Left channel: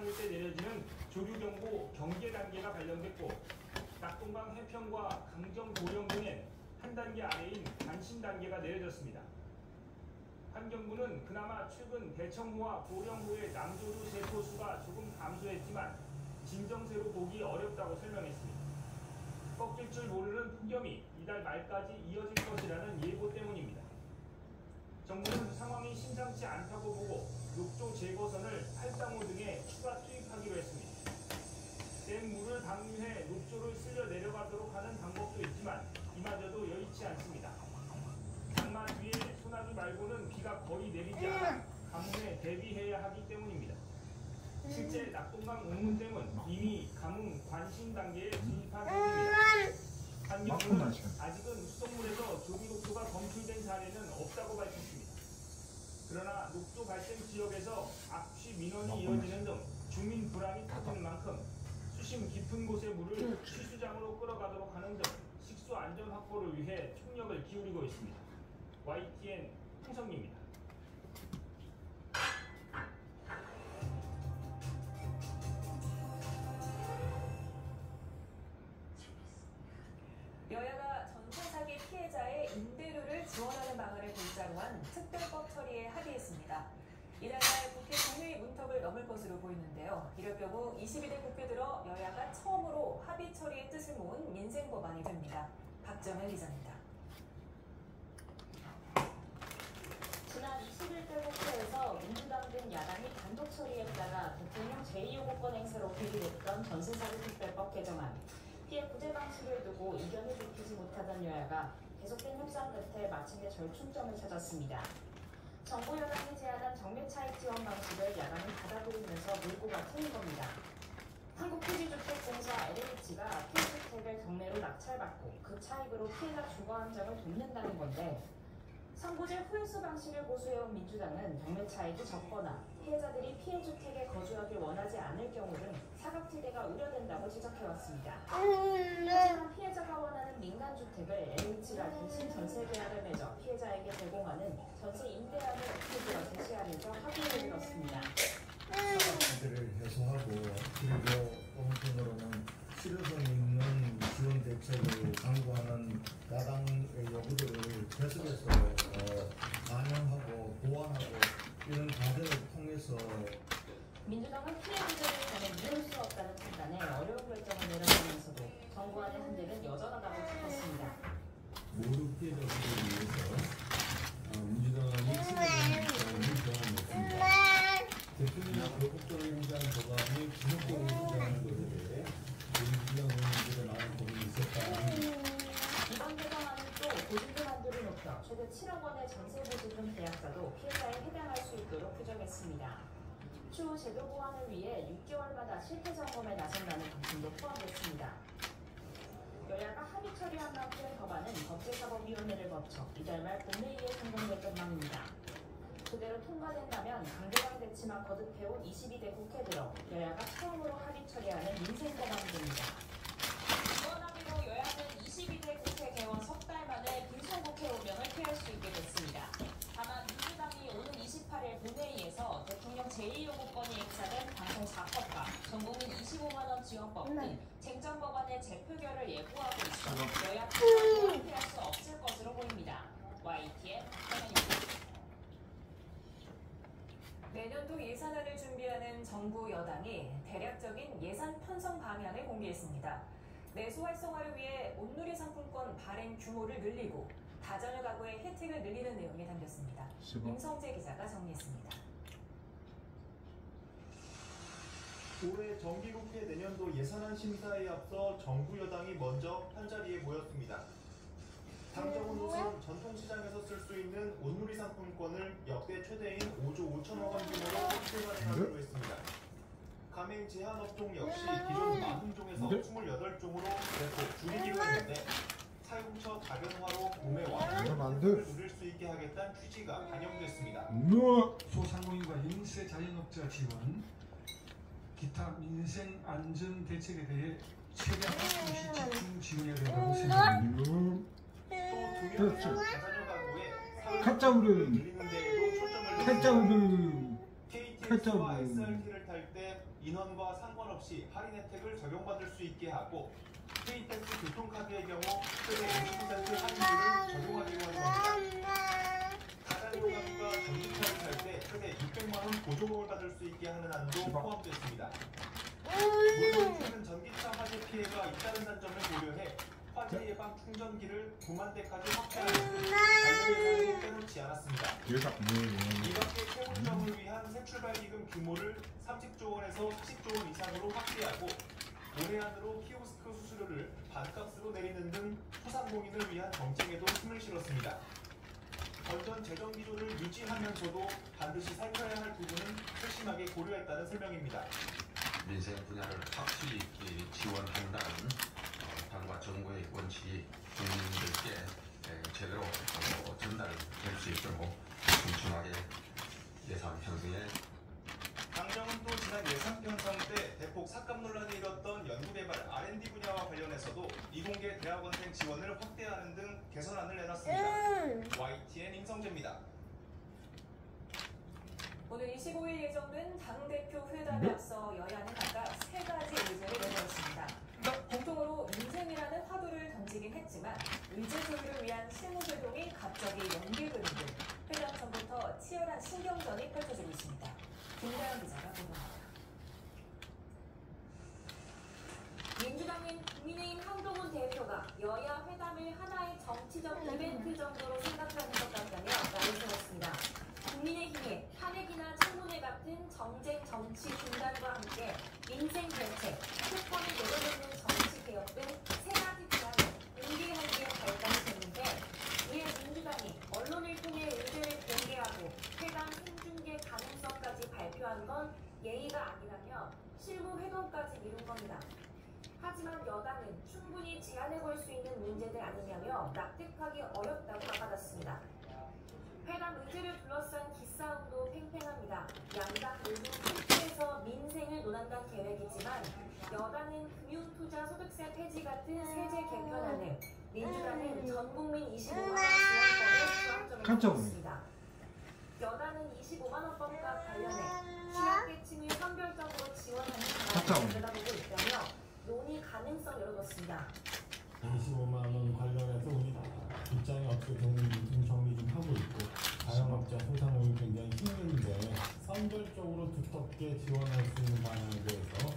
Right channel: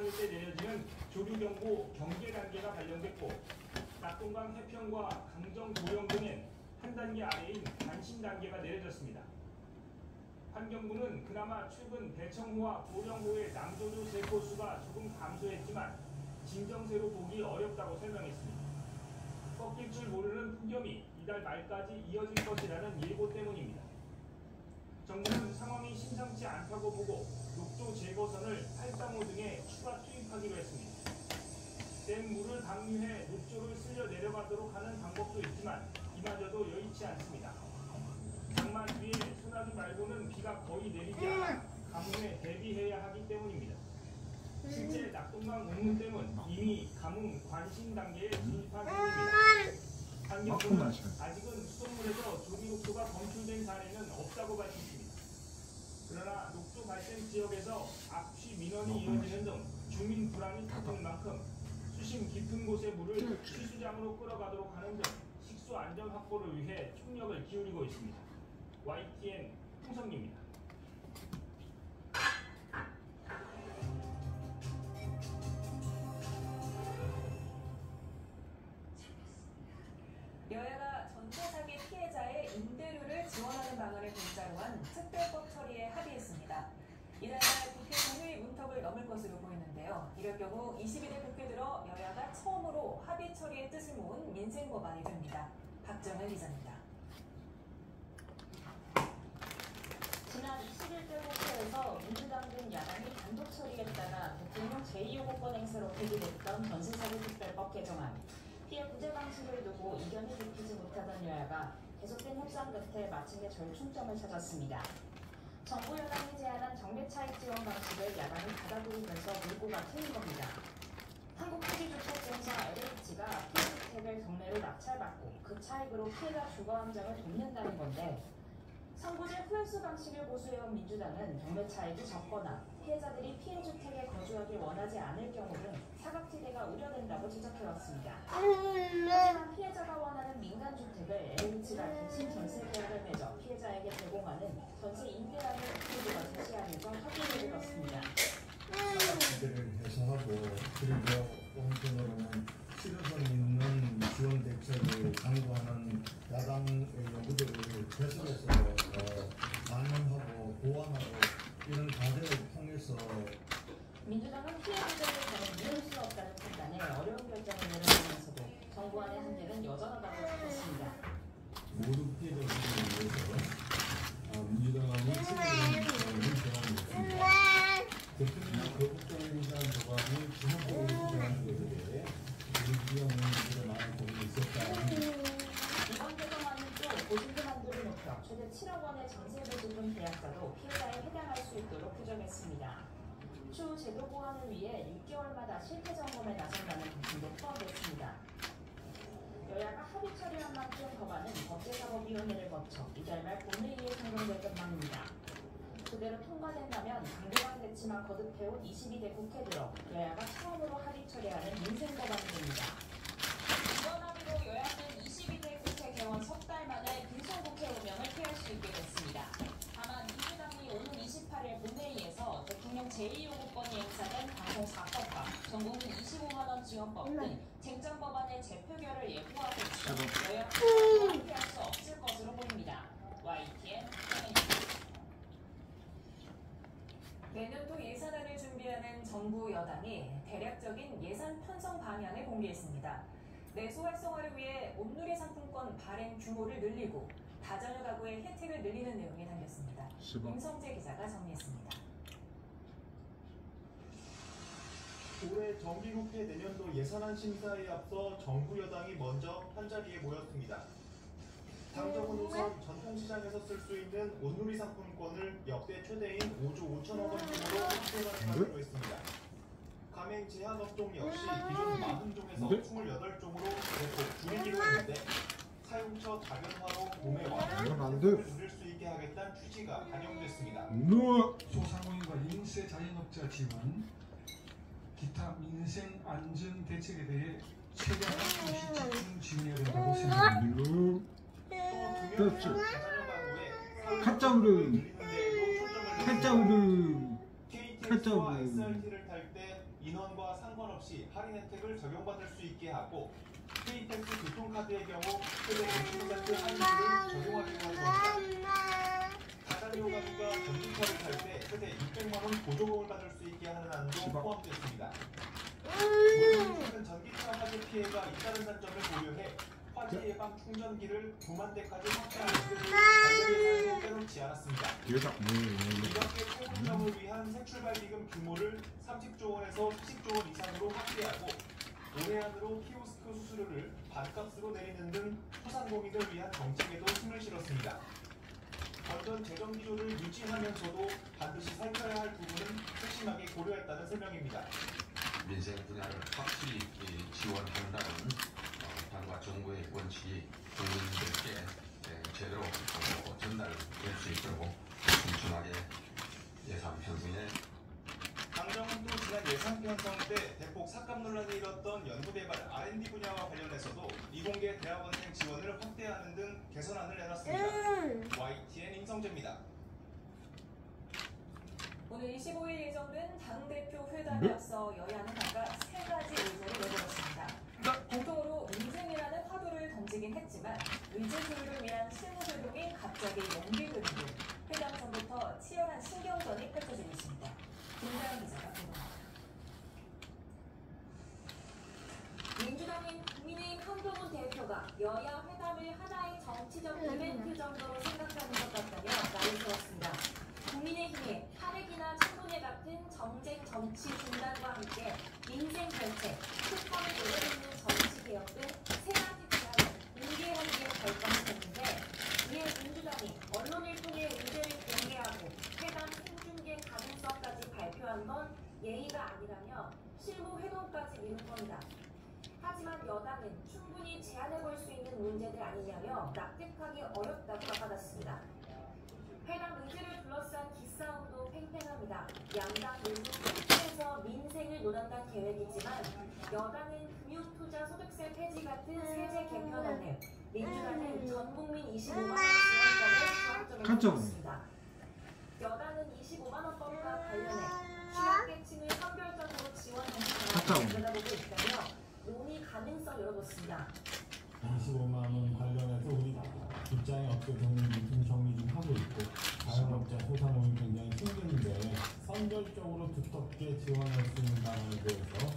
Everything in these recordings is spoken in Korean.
해상일 때 내려지는 조류경보 경계 단계가 발령됐고 낙동강 해평과 강정 도령 등엔 한 단계 아래인 관심 단계가 내려졌습니다. 환경부는 그나마 최근 대청호와 도령호의 남조류 세포수가 조금 감소했지만 진정세로 보기 어렵다고 설명했습니다. 꺾일 줄 모르는 폭염이 이달 말까지 이어질 것이라는 예보 때문입니다. 정부는 상황이 심상치 않다고 보고 녹조 제거선을 835 등에 추가 투입하기로 했습니다. 댐 물을 방류해 녹조를 쓸려 내려가도록 하는 방법도 있지만 이마저도 여의치 않습니다. 장마 뒤에 소나기 말고는 비가 거의 내리지 않아 가뭄에 대비해야 하기 때문입니다. 실제 낙동강 옥문댐은 이미 가뭄 관심 단계에 진입한 중입니다. 환경부는 아직은 수돗물에서 조기녹조가 검출된 사례는 없다고 밝혔습니다. 그러나 녹조 발생 지역에서 악취 민원이 이어지는 등 주민 불안이 짙은 만큼 수심 깊은 곳의 물을 취수장으로 끌어가도록 하는 등 식수 안전 확보를 위해 총력을 기울이고 있습니다. YTN 홍성리입니다. 여야가 전세 사기 피해자의 임대료를 지원하는 방안을 골자로 한 특별법 처리에 합의했습니다. 이달 말 국회 본회의 문턱을 넘을 것으로 보이는데요. 이럴 경우 21대 국회 들어 여야가 처음으로 합의 처리의 뜻을 모은 민생 법안이 됩니다. 박정현 기자입니다. 지난 21대 국회에서 민주당 등 야당이 단독 처리에 따라 대통령 제2요구권 행사로 회의됐던 전세사기 특별법 개정안. 피해 구제 방식을 두고 이견이 좁히지 못하던 여야가 계속된 협상 끝에 마침내 절충점을 찾았습니다. 정부 여당이 제안한 정례 차익 지원 방식을 야당이 받아들이면서 물꼬가 트인 겁니다. 한국토지주택공사 LH가 피해주택을 경매로 낙찰받고 그 차익으로 피해자 주거 안정을 돕는다는 건데 선고제 후회수 방식을 고수해온 민주당은 경매 차익이 적거나 피해자들이 피해주택에 거주하길 원하지 않을 경우는 사각지대가 우려된다고 지적해왔습니다. 하지만 피해자가 원하는 민간주택을 LH가 대신 전세계약을 맺어 피해자에게 제공하는 전세 임대량을 국토부가 제시하면서 합의를 이뤘습니다. 사각지대를 해소하고 그리고 원천으로는 실효성 있는 지원 대책을 강구하는 야당의 요구들을 계속해서 반영하고 보완하고 이런 과제를 통해서 민주당은 피해자들을 미룰 수 없다는 판단에 어려운 결정을 내려놓으면서도 정부안의 한계는 여전하다고 짚었습니다. 모든 피해자들을 위해서 민주당이 책임을 정하였습니다. 대통령이 적극적으로 유지한 법안이 지속적으로 유지하는 것에 우리 지역은 많은 고민이 있었다. 이번 개정안은 또 보증금 한도를 높여 최대 7억 원의 전세 보증금 계약자도 피해자에 해당할 수 있도록 규정했습니다. 추후 제도 보완을 위해 6개월마다 실태 점검에 나선다는 방침도 포함됐습니다. 여야가 합의 처리한 만큼 법안은 법제사법위원회를 거쳐 이달 말 본회의에 상정될 전망입니다. 그대로 통과된다면 강경한 대치만 거듭해온 22대 국회 들어 여야가 처음으로 합의 처리하는 민생 법안이 됩니다. 이번 합의로 여야는 22대 국회 개원 석 달 만에 분송국회 운영을 피할 수 있게 됐습니다. 다만 민주당이 오는 28일 본회의에서 대통령 제2요구권이 행사된 방송 4법과 전국민 25만원 지원법 등 쟁점 법안의 재표결을 예고하고 있어 여야 합의를 피할 수 없을 것으로 보입니다. YTN 내년도 예산안을 준비하는 정부 여당이 대략적인 예산 편성 방향을 공개했습니다. 내수 활성화를 위해 온누리 상품권 발행 규모를 늘리고 다자녀 가구의 혜택을 늘리는 내용이 담겼습니다. 임성재 기자가 정리했습니다. 올해 정기국회 내년도 예산안 심사에 앞서 정부 여당이 먼저 한자리에 모였습니다. 당정은 우선 전통시장에서 쓸 수 있는 온누리 상품권을 역대 최대인 5조 5천억 원 규모로 확대하기로 했습니다. 가맹 제한업종 역시 기존 40종에서 28종으로 대폭 줄이기로 했는데 사용처 작연화로 몸에 완전히 누릴 수 있게 하겠다는 취지가 반영됐습니다. 소상공인과 인세 자영업자 지원, 기타 민생 안전 대책에 대해 최대한 집중 지원해야 된다고 생각합니다. 그렇죠. 카짜우르 카짜우르 KTX와 SRT를 탈 때 인원과 상관없이 할인 혜택을 적용받을 수 있게 하고 KTX 교통카드의 경우 최대 50% 할인율을 적용하기로 할 겁니다. 다단계 가구가 전기차를 탈 때 최대 600만 원 보조금을 받을 수 있게 하는 안도 포함됐습니다. 물론 최근 전기차 화재 피해가 있다는 단점을 고려해 화재 예방 충전기를 9만 대까지 확대하는 등 관련 예산을 빼놓지 않았습니다. 이 밖에 최고점을 위한 새출발기금 규모를 30조 원에서 40조 원 이상으로 확대하고 올해 안으로 키오스크 수수료를 반값으로 내리는 등 소상공인을 위한 정책에도 힘을 실었습니다. 건전 재정 기조를 유지하면서도 반드시 살펴야 할 부분은 세심하게 고려했다는 설명입니다. 민생 분야를 확실히 지원한다는 당과 정부의 원칙이 국민들께 제대로 전달될 수 있도록 촘촘하게 예산 편성에 당장은 또 지난 예산 편성 때 대폭 삭감 논란이 일었던 연구개발 R&D 분야와 관련해서도 이공계 대학원생 지원을 확대하는 등 개선안을 내놨습니다. YTN 임성재입니다. 오늘 25일 예정된 당대표 회담에 앞서 여야는 각각 3가지 의제를 내놓았습니다. 공통으로 민생이라는 화두를 던지긴 했지만 의제 조율을 위한 실무 조율이 갑자기 연기되는 등 회담 전부터 치열한 신경전이 펼쳐지고 있습니다. 김재관 기자가 보도합니다. 민주당인 국민의힘 한동훈 대표가 여야 회담을 하나의 정치적 이벤트 정도로 생각하는 것 같다며 말을 세웠습니다. 국민의힘의 탄핵이나 청문회 같은 정쟁 정치 중단과 함께 민생 정책, 특검을 내려놓는 정치 개혁 등 세 가지 비전을 공개하기에 결정했는데 이에 민주당이 언론을 통해 의제를 공개하고 회담 생중계 가능성까지 발표한 건 예의가 아니라며 실무 회동까지 미룬 겁니다. 하지만 여당은 충분히 제안해볼 수 있는 문제들 아니냐며 납득하기 어렵다고 받았습니다. 회담 의제를 둘러싼 기싸움도 팽팽합니다. 양당 모두 투표에서 민생을 논한다는 계획이지만 여당은 금융투자 소득세 폐지 같은 세제 개편안을, 민주당은 전국민 25만 원 지원법에 중점을 두었습니다. 여당은 25만 원법과 관련해 취약계층을 선별적으로 지원하는 방안을 내다보고 있다며 논의 가능성 열어뒀습니다. 25만 원 관련해서 우리 입장이 어떻게 됐는지 좀 정리 좀 하고 있고 자영업자 소상공인 굉장히 힘든데 선별적으로 두텁게 지원할 수 있는 방안에 대해서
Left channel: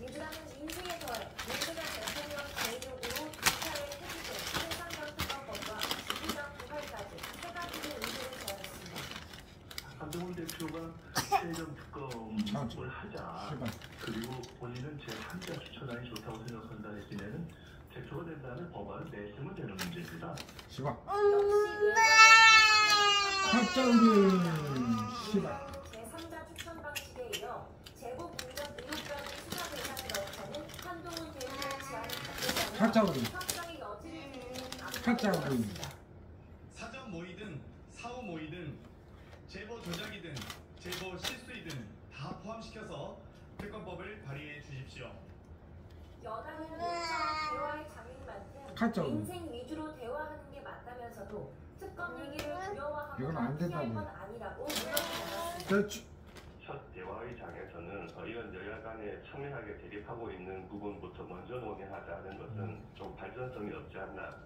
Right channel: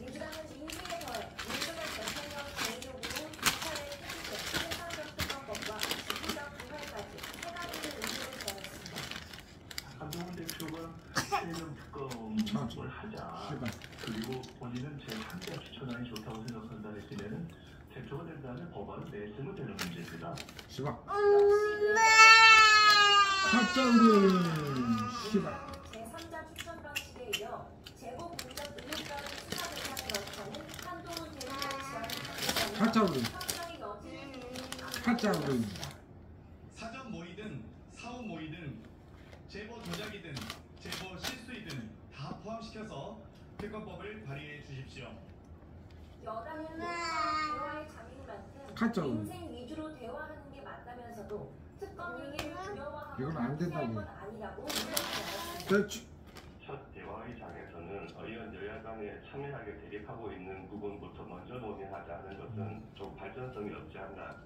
민주당은 민생에 더해 민주당 대통령 제1호구로 주차를 해주게 생산정통법과 지구당 부활까지 세 가지를 의제를 제안했습니다. 한동훈 대표가 세금 특검을 하자. 그리고 본인은 제 한장 추천안이 좋다고 생각한다 했으면 대표가 된다는 법안을 내세우면 되는 문제입니다. 제3자 추천 방식에 이어 제복 공작 의혹까지 수사 대상에 넣자는 한동훈 대표의 제안을 확정의 여지를 두는 사전 모의든 사후 모의든 제보 조작이든 제보 실수이든 다 포함시켜서 특검법을 발의해 주십시오. 여당은 대화의 장인 만큼 민생 위주로 대화하는 게 맞다면서도 특검 얘기를 두려워하거나 피할 건 아니라고 물러났습니다. 첫 대화의 장에서는 의원 여야 간에 첨예하게 대립하고 있는 부분부터 먼저 논의하자는 것은 좀 발전성이 없지 않나.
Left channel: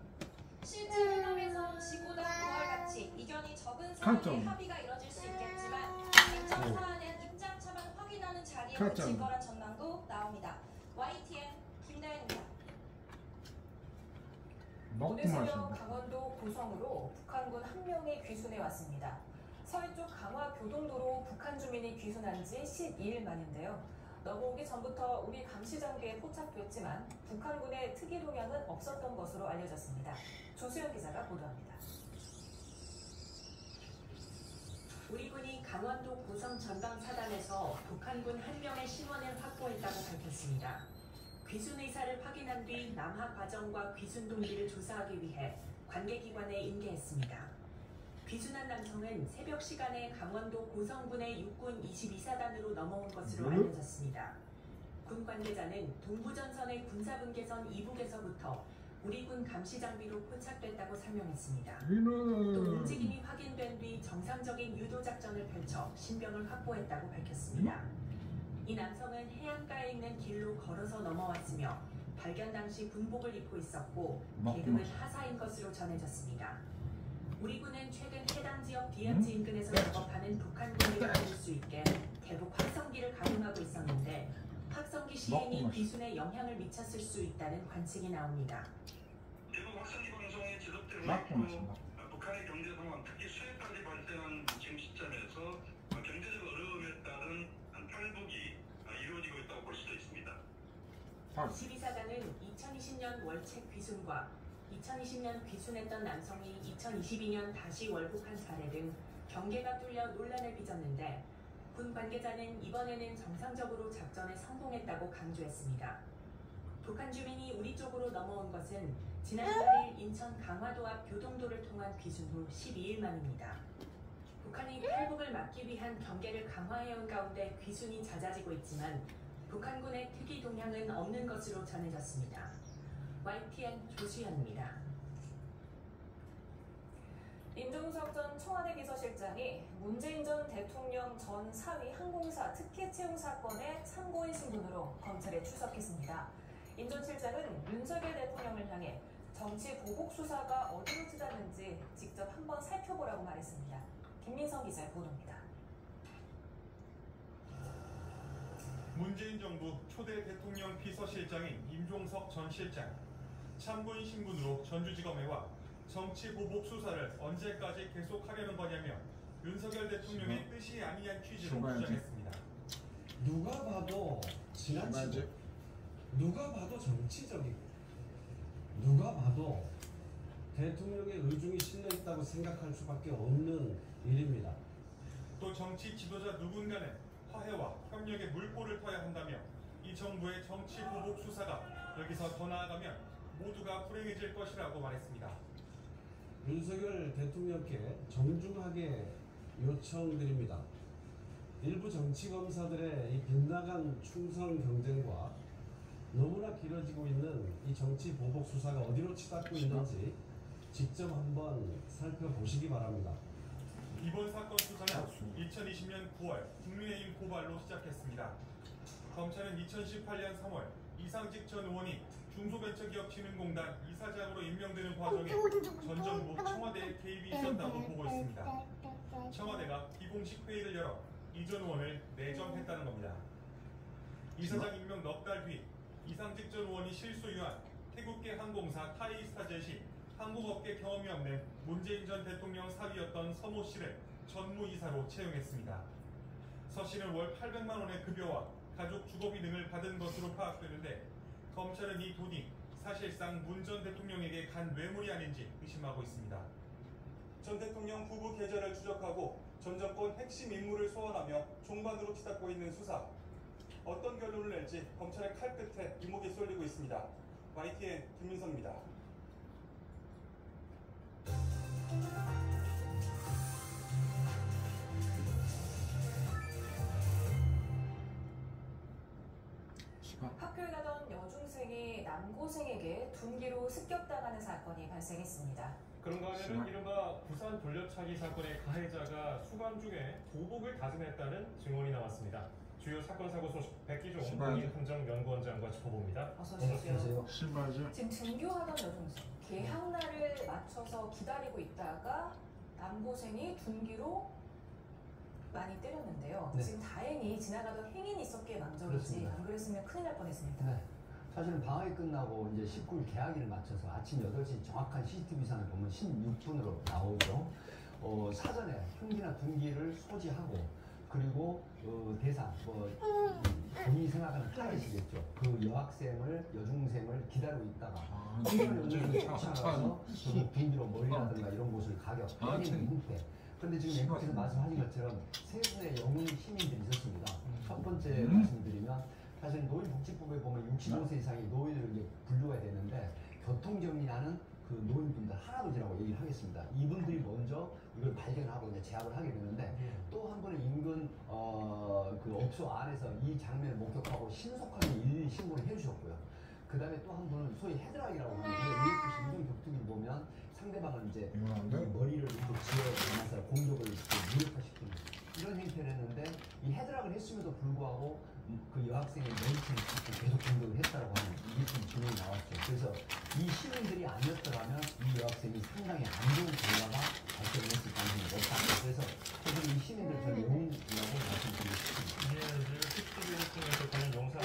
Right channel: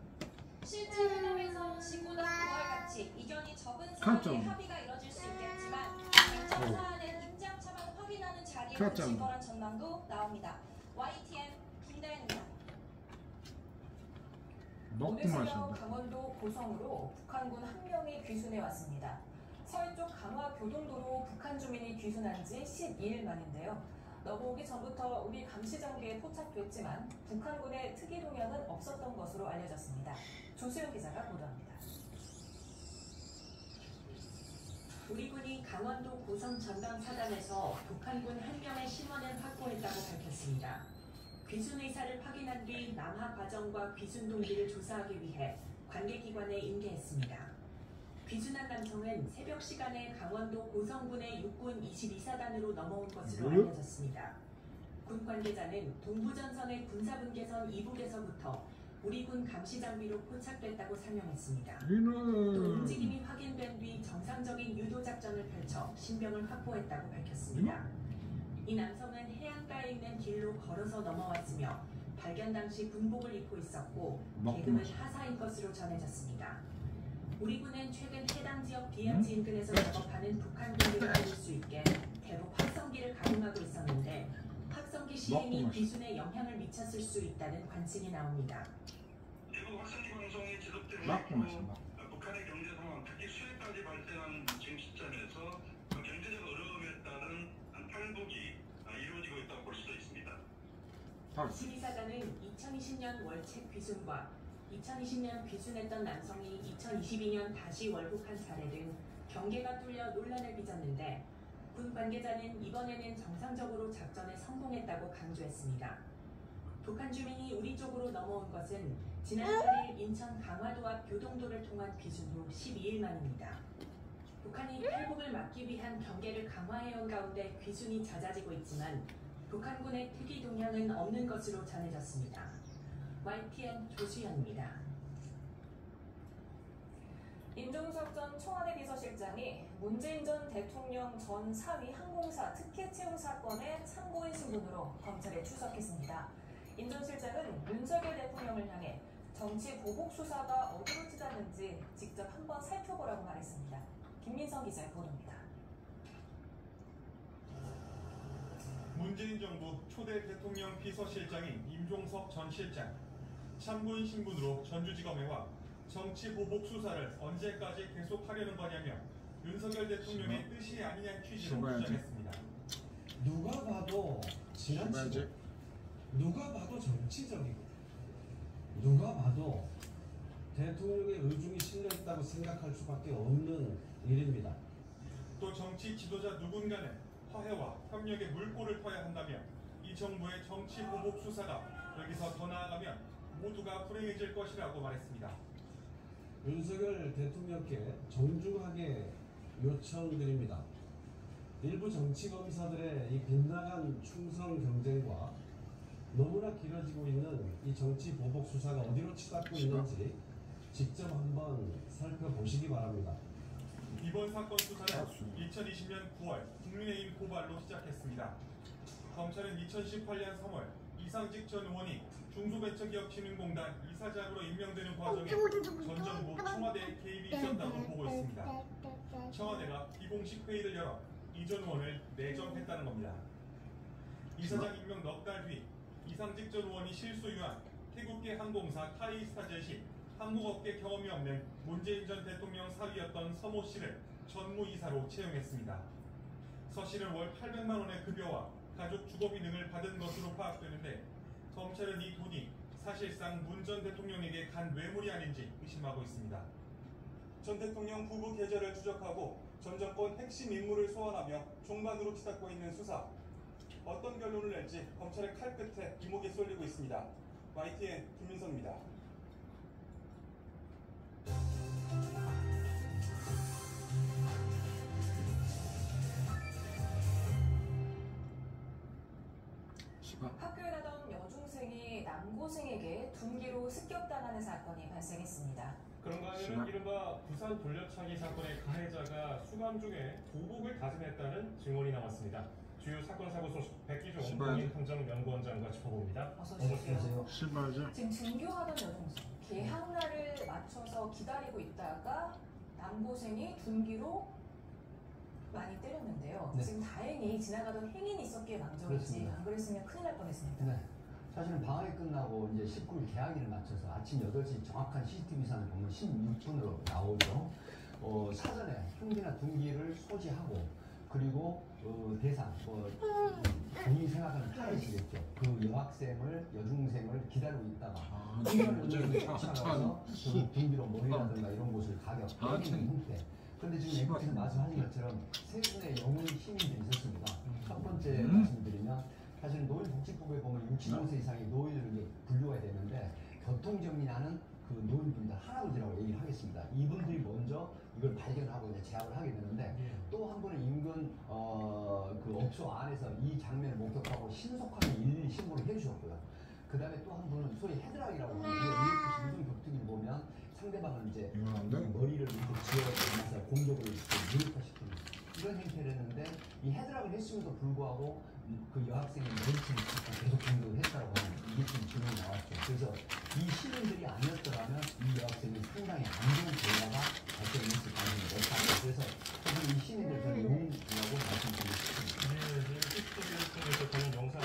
실제 회담에서는 지구당 부활같이 이견이 적은 사안에 합의가 이뤄질 수 있겠지만 쟁점 사안은 입장 차만 확인하는 자리에 그칠 거란 전망도 나옵니다. YTN 김나연입니다. 오늘 새벽 강원도 고성으로 북한군 1명이 귀순해 왔습니다. 서해쪽 강화교동도로 북한 주민이 귀순한 지 12일 만인데요. 넘어오기 전부터 우리 감시장비에 포착됐지만 북한군의 특이 동향은 없었던 것으로 알려졌습니다. 조수영 기자가 보도합니다. 우리 군이 강원도 고성 전방 사단에서 북한군 1명의 신원을 확보했다고 밝혔습니다. 귀순 의사를 확인한 뒤 남하 과정과 귀순 동기를 조사하기 위해 관계기관에 인계했습니다. 귀순한 남성은 새벽 시간에 강원도 고성군의 육군 22사단으로 넘어온 것으로 알려졌습니다. 군 관계자는 동부전선의 군사분계선 이북에서부터 우리 군 감시장비로 포착됐다고 설명했습니다. 또 움직임이 확인된 뒤 정상적인 유도작전을 펼쳐 신병을 확보했다고 밝혔습니다. 이 남성은 해안가에 있는 길로 걸어서 넘어왔으며 발견 당시 군복을 입고 있었고 계급은 하사인 것으로 전해졌습니다. 우리 군은 최근 해당 지역 비합지 인근에서 작업하는 북한군을 막을 수 있게 대북 확성기를 가동하고 있었는데 확성기 시행이 귀순에 영향을 미쳤을 수 있다는 관측이 나옵니다. 대북 확성기 방송의 지속되는 북한의 경제 상황, 특히 수해까지 발생한 지금 시점에서 경제적 어려움에 따른 탈북이 이루어지고 있다고 볼 수도 있습니다. 12사단은 2020년 월책 귀순과 2020년 귀순했던 남성이 2022년 다시 월북한 사례 등 경계가 뚫려 논란을 빚었는데 군 관계자는 이번에는 정상적으로 작전에 성공했다고 강조했습니다. 북한 주민이 우리 쪽으로 넘어온 것은 지난 8일 인천 강화도 앞 교동도를 통한 귀순 후 12일 만입니다. 북한이 탈북을 막기 위한 경계를 강화해온 가운데 귀순이 잦아지고 있지만 북한군의 특이 동향은 없는 것으로 전해졌습니다. YTN 조수연입니다. 임종석 전 청와대 비서실장이 문재인 전 대통령 전 사위 항공사 특혜 채용 사건의 참고인 신분으로 검찰에 출석했습니다. 임 전 실장은 윤석열 대통령을 향해 정치 보복 수사가 어디로 치닫는지 직접 한번 살펴보라고 말했습니다. 김민성 기자의 보도입니다. 문재인 정부 초대 대통령 비서실장인 임종석 전 실장, 참고인 신분으로 전주지검에 와 정치 보복 수사를 언제까지 계속하려는 거냐며 윤석열 대통령의 뜻이 아니냐는 취지로 주장했습니다. 누가 봐도 지나치고, 누가 봐도 정치적이고, 누가 봐도 대통령의 의중이 실려있다고 생각할 수밖에 없는 일입니다. 또 정치 지도자 누군가는 화해와 협력의 물꼬를 터야 한다며 이 정부의 정치 보복 수사가 여기서 더 나아가면 모두가 불행해질 것이라고 말했습니다. 윤석열 대통령께 정중하게 요청드립니다. 일부 정치검사들의 이 빗나간 충성 경쟁과 너무나 길어지고 있는 이 정치 보복 수사가 어디로 치닫고 있는지 직접 한번 살펴보시기 바랍니다. 이번 사건 수사는 2020년 9월 국민의힘 고발로 시작했습니다. 검찰은 2018년 3월 이상직 전 의원이 중소벤처기업진흥공단 이사장으로 임명되는 과정에 전 정부 청와대의 개입이 있었다고 보고 있습니다. 청와대가 비공식 회의를 열어 이 전 의원을 내정했다는 겁니다. 이사장 임명 넉 달 뒤 이상직 전 의원이 실소유한 태국계 항공사 타이스타젯 시 항공업계 경험이 없는 문재인 전 대통령 사위였던 서모 씨를 전무이사로 채용했습니다. 서 씨는 월 800만 원의 급여와 가족 주거비 등을 받은 것으로 파악되는데 검찰은 이 돈이 사실상 문 전 대통령에게 간 뇌물이 아닌지 의심하고 있습니다. 전 대통령 부부 계좌를 추적하고 전 정권 핵심 인물을 소환하며 종반으로 치닫고 있는 수사. 어떤 결론을 낼지 검찰의 칼끝에 이목이 쏠리고 있습니다. YTN 김민성입니다. 학교에 가던 여중생이 남고생에게 둔기로 습격당하는 사건이 발생했습니다. 그런가 하면 이른바 부산 돌려차기 사건의 가해자가 수감 중에 도복을 다짐했다는 증언이 나왔습니다. 주요 사건 사고 소식 백기종 국립행정연구원장과 짚어봅니다. 어서 오십시오. 신발죠. 지금 등교하던 여중생 개학날을 맞춰서 기다리고 있다가 남고생이 둔기로 많이 때렸는데요. 네. 지금 다행히 지나가던 행인이 있었기에 망정이지 그렇습니다. 안 그랬으면 큰일 날 뻔했습니다. 네. 사실은 방학이 끝나고 이제 19일 개학일을 맞춰서 아침 8시 정확한 CCTV상을 보면 16분으로 나오죠. 사전에 흥기나 둔기를 소지하고 그리고 대상, 본인이 생각하는 타겟이겠죠. 그 여학생을, 여중생을 기다리고 있다가 여중생이 쫓아가서 둔기로 머리라든가 이런 곳을 가격, 본인 형태. 그런데 지금 앵커께서 말씀하신 것처럼 세 분의 영웅 시민들이 있었습니다. 첫 번째 말씀드리면 사실 노인복지법에 보면 65세 이상의 노인을 이제 분류가 되는데 교통정리하는 그 노인분들 할아버지라고 얘기를 하겠습니다. 이분들이 먼저 이걸 발견하고 이제 제압을 하게 되는데 또 한 분은 인근 그 업소 안에서 이 장면을 목격하고 신속하게 112 신고를 해주셨고요. 그 다음에 또 한 분은 소위 헤드락이라고 하는데 UFC 이동 격투기를 보면 상대방을 이제 머리를 이렇게 지어서 공격을 무력화시키는 이런 행태를 했는데 이 헤드락을 했음에도 불구하고 그 여학생의 머리춤을 잡고 계속 공격을 했다고 하는 이게 진행이 나왔죠. 그래서 이 시민들이 아니었더라면 이 여학생이 상당히 안 좋은 결과가 발생했을 가능성이 높다. 그래서 이 시민들 저는 응원하고 말씀드리고 싶습니다. CCTV를 통해서 그런 영상을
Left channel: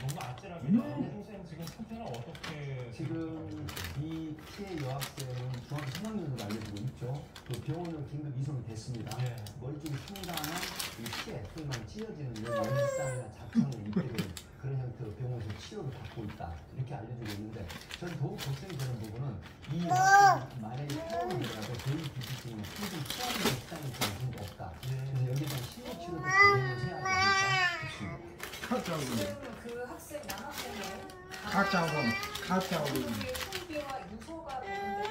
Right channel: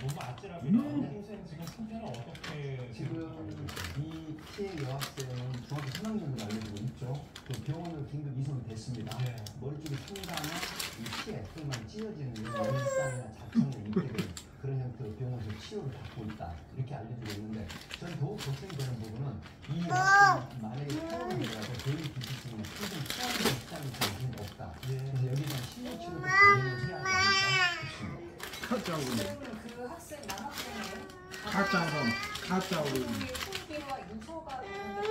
너무 아찔합니다. 동생 지금 상태는 어떻게? 지금 이 피해 여학생은 중학교 3학년으로 알려지고 있죠. 그 병원으로 긴급 이송이 됐습니다. 네. 머리 쪽에 상당한 이 피해, 소위 말해 찢어지는 열상이나 자충을 일으키는 그런 형태로 병원에서 치료를 받고 있다. 이렇게 알려지고 있는데 저는 더욱 걱정이 되는 부분은 이 여학생이 만약에 태어나더라도 개인 기피증에 충분히 태어나는 시간이 좀 없다. 그래서 여기에 대한 심리치료도 진행을 해야 되니까 싶습니다. 지금 그 학생 남학생은 가짜오른 흉기와 유서가 되는데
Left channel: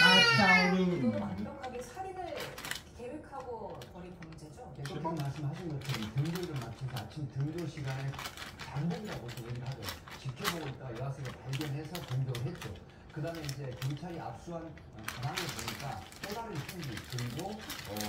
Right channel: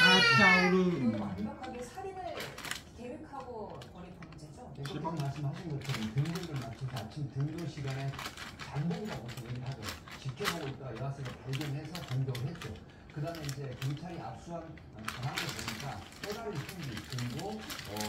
가짜오른 완벽하게 살인을 계획하고 벌인 범죄죠. 지금 말씀하신 것처럼 등교를 마치고 아침 등교 시간에 잠든다고 얘기를 하고 지켜보고 있다가 여학생을 발견해서 등교를 했죠. 그 다음에 이제 경찰이 압수한 가방을 보니까 깨달은 총기 그리고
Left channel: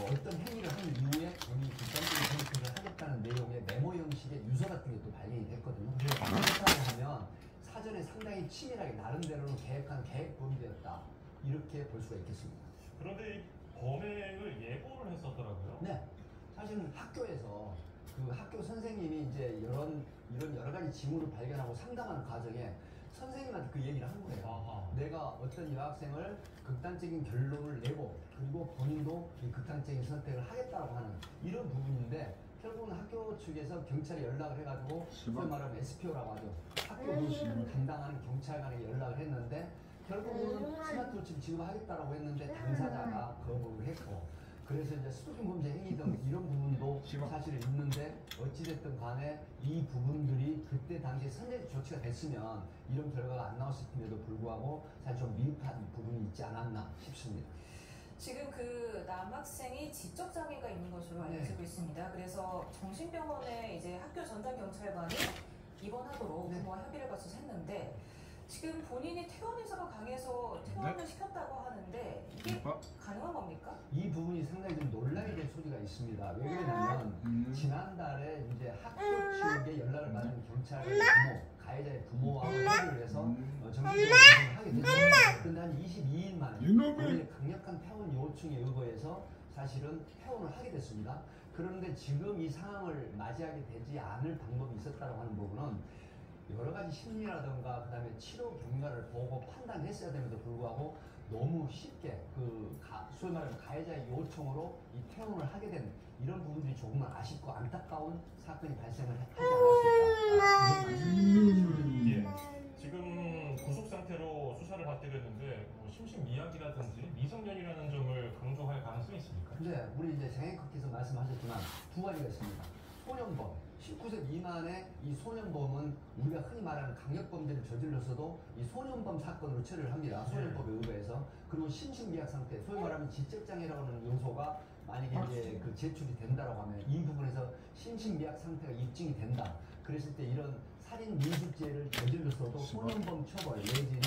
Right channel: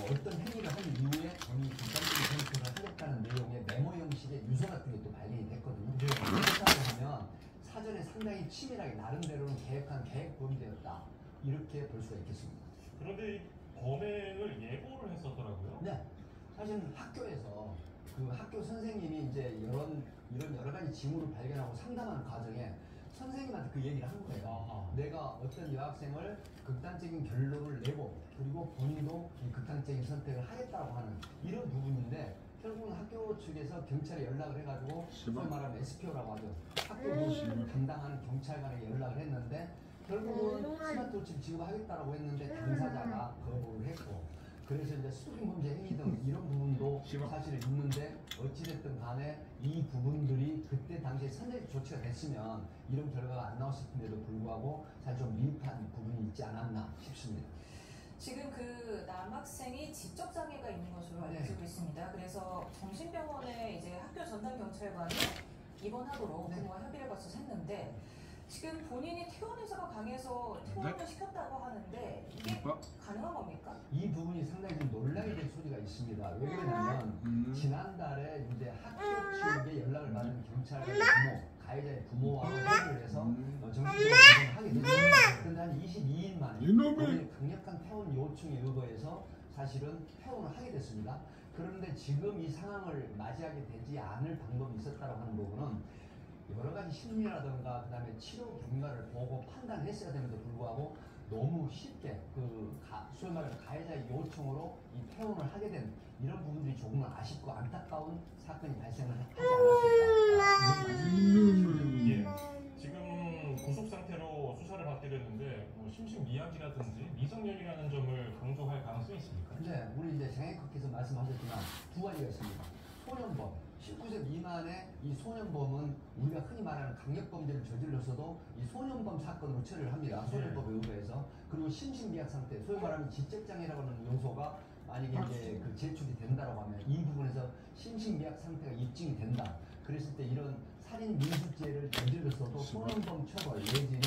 어떤 행위를 한 이후에 본인이 뒷감정을 생각해서 하겠다는 내용의 메모 형식의 유서 같은 게 또 발견이 됐거든요. 그렇다고 하면 사전에 상당히 치밀하게 나름대로는 계획한 계획범죄였다. 이렇게 볼 수가 있겠습니다. 그런데 이 범행을 예고를 했었더라고요. 네. 사실은 학교에서 그 학교 선생님이 이제 이런 여러 가지 징후를 발견하고 상담하는 과정에 선생님한테 그 얘기를 한 거예요. 내가 어떤 여학생을 극단적인 결론을 내고 그리고 본인도 이 극단적인 선택을 하겠다고 하는 이런 부분인데 결국은 학교 측에서 경찰에 연락을 해가지고 소위 말하면 SPO라고 하죠. 학교 담당하는 경찰관에 연락을 했는데 결국은 스마트워치를 지급하겠다고 했는데 당사자가 거부를 했고 그래서 이제 스토킹 범죄 행위 등 이런 부분도 사실은 있는데 어찌됐든 간에 이 부분들이 그때 당시에 선제적 조치가 됐으면 이런 결과가 안 나왔을 텐데도 불구하고 사실 좀 미흡한 부분이 있지 않았나 싶습니다. 지금 그 남학생이 지적 장애가 있는 것으로 알려지고 있습니다. 그래서 정신병원에 이제 학교 전담 경찰관이 입원하도록 부모와 협의를 거쳐서 했는데 지금 본인이 퇴원 의사가 강해서 퇴원을 시켰다고 하는데 이게 가능한 겁니까? 이 부분이 상당히 좀 논란이 된 소리가 있습니다. 왜 그러냐면 지난달에 이제 학교 측에 연락을 받은 경찰관의 부모, 가해자의 부모와 협의를 해서 정신병원을 입원하게 됐습니다. 그런데 한 22일 만에 본인의 강력한 퇴원 요청에 의거해서 사실은 퇴원을 하게 됐습니다. 그런데 지금 이 상황을 맞이하게 되지 않을 방법이 있었다고 하는 부분은 여러 가지 심리라든가 그다음에 치료 경과를 보고 판단했어야 됨에도 불구하고 너무 쉽게 소위 말하는 가해자의 요청으로 이 퇴원을 하게 된 이런 부분들이 조금은 아쉽고 안타까운 사건이 발생을 하지 않았을까. 예. 지금 구속 상태로 수사를 받들였는데 심신미약이라든지 미성년이라는 점을 강조할 가능성이 있습니까? 네, 우리 이제 장애커께서 말씀하셨지만 두 가지가 있습니다. 소년범, 19세 미만의 이 소년범은 우리가 흔히 말하는 강력범죄를 저질렀어도 이 소년범 사건으로 처리를 합니다. 소년법에 의거해서. 그리고 심신미약 상태, 소위 말하면 지적장애라고 하는 요소가 만약에 이제 그 제출이 된다고 하면 이 부분에서 심신미약 상태가 입증이 된다. 그랬을 때 이런 살인 미수죄를 저질렀어도 소년범 처벌 내지는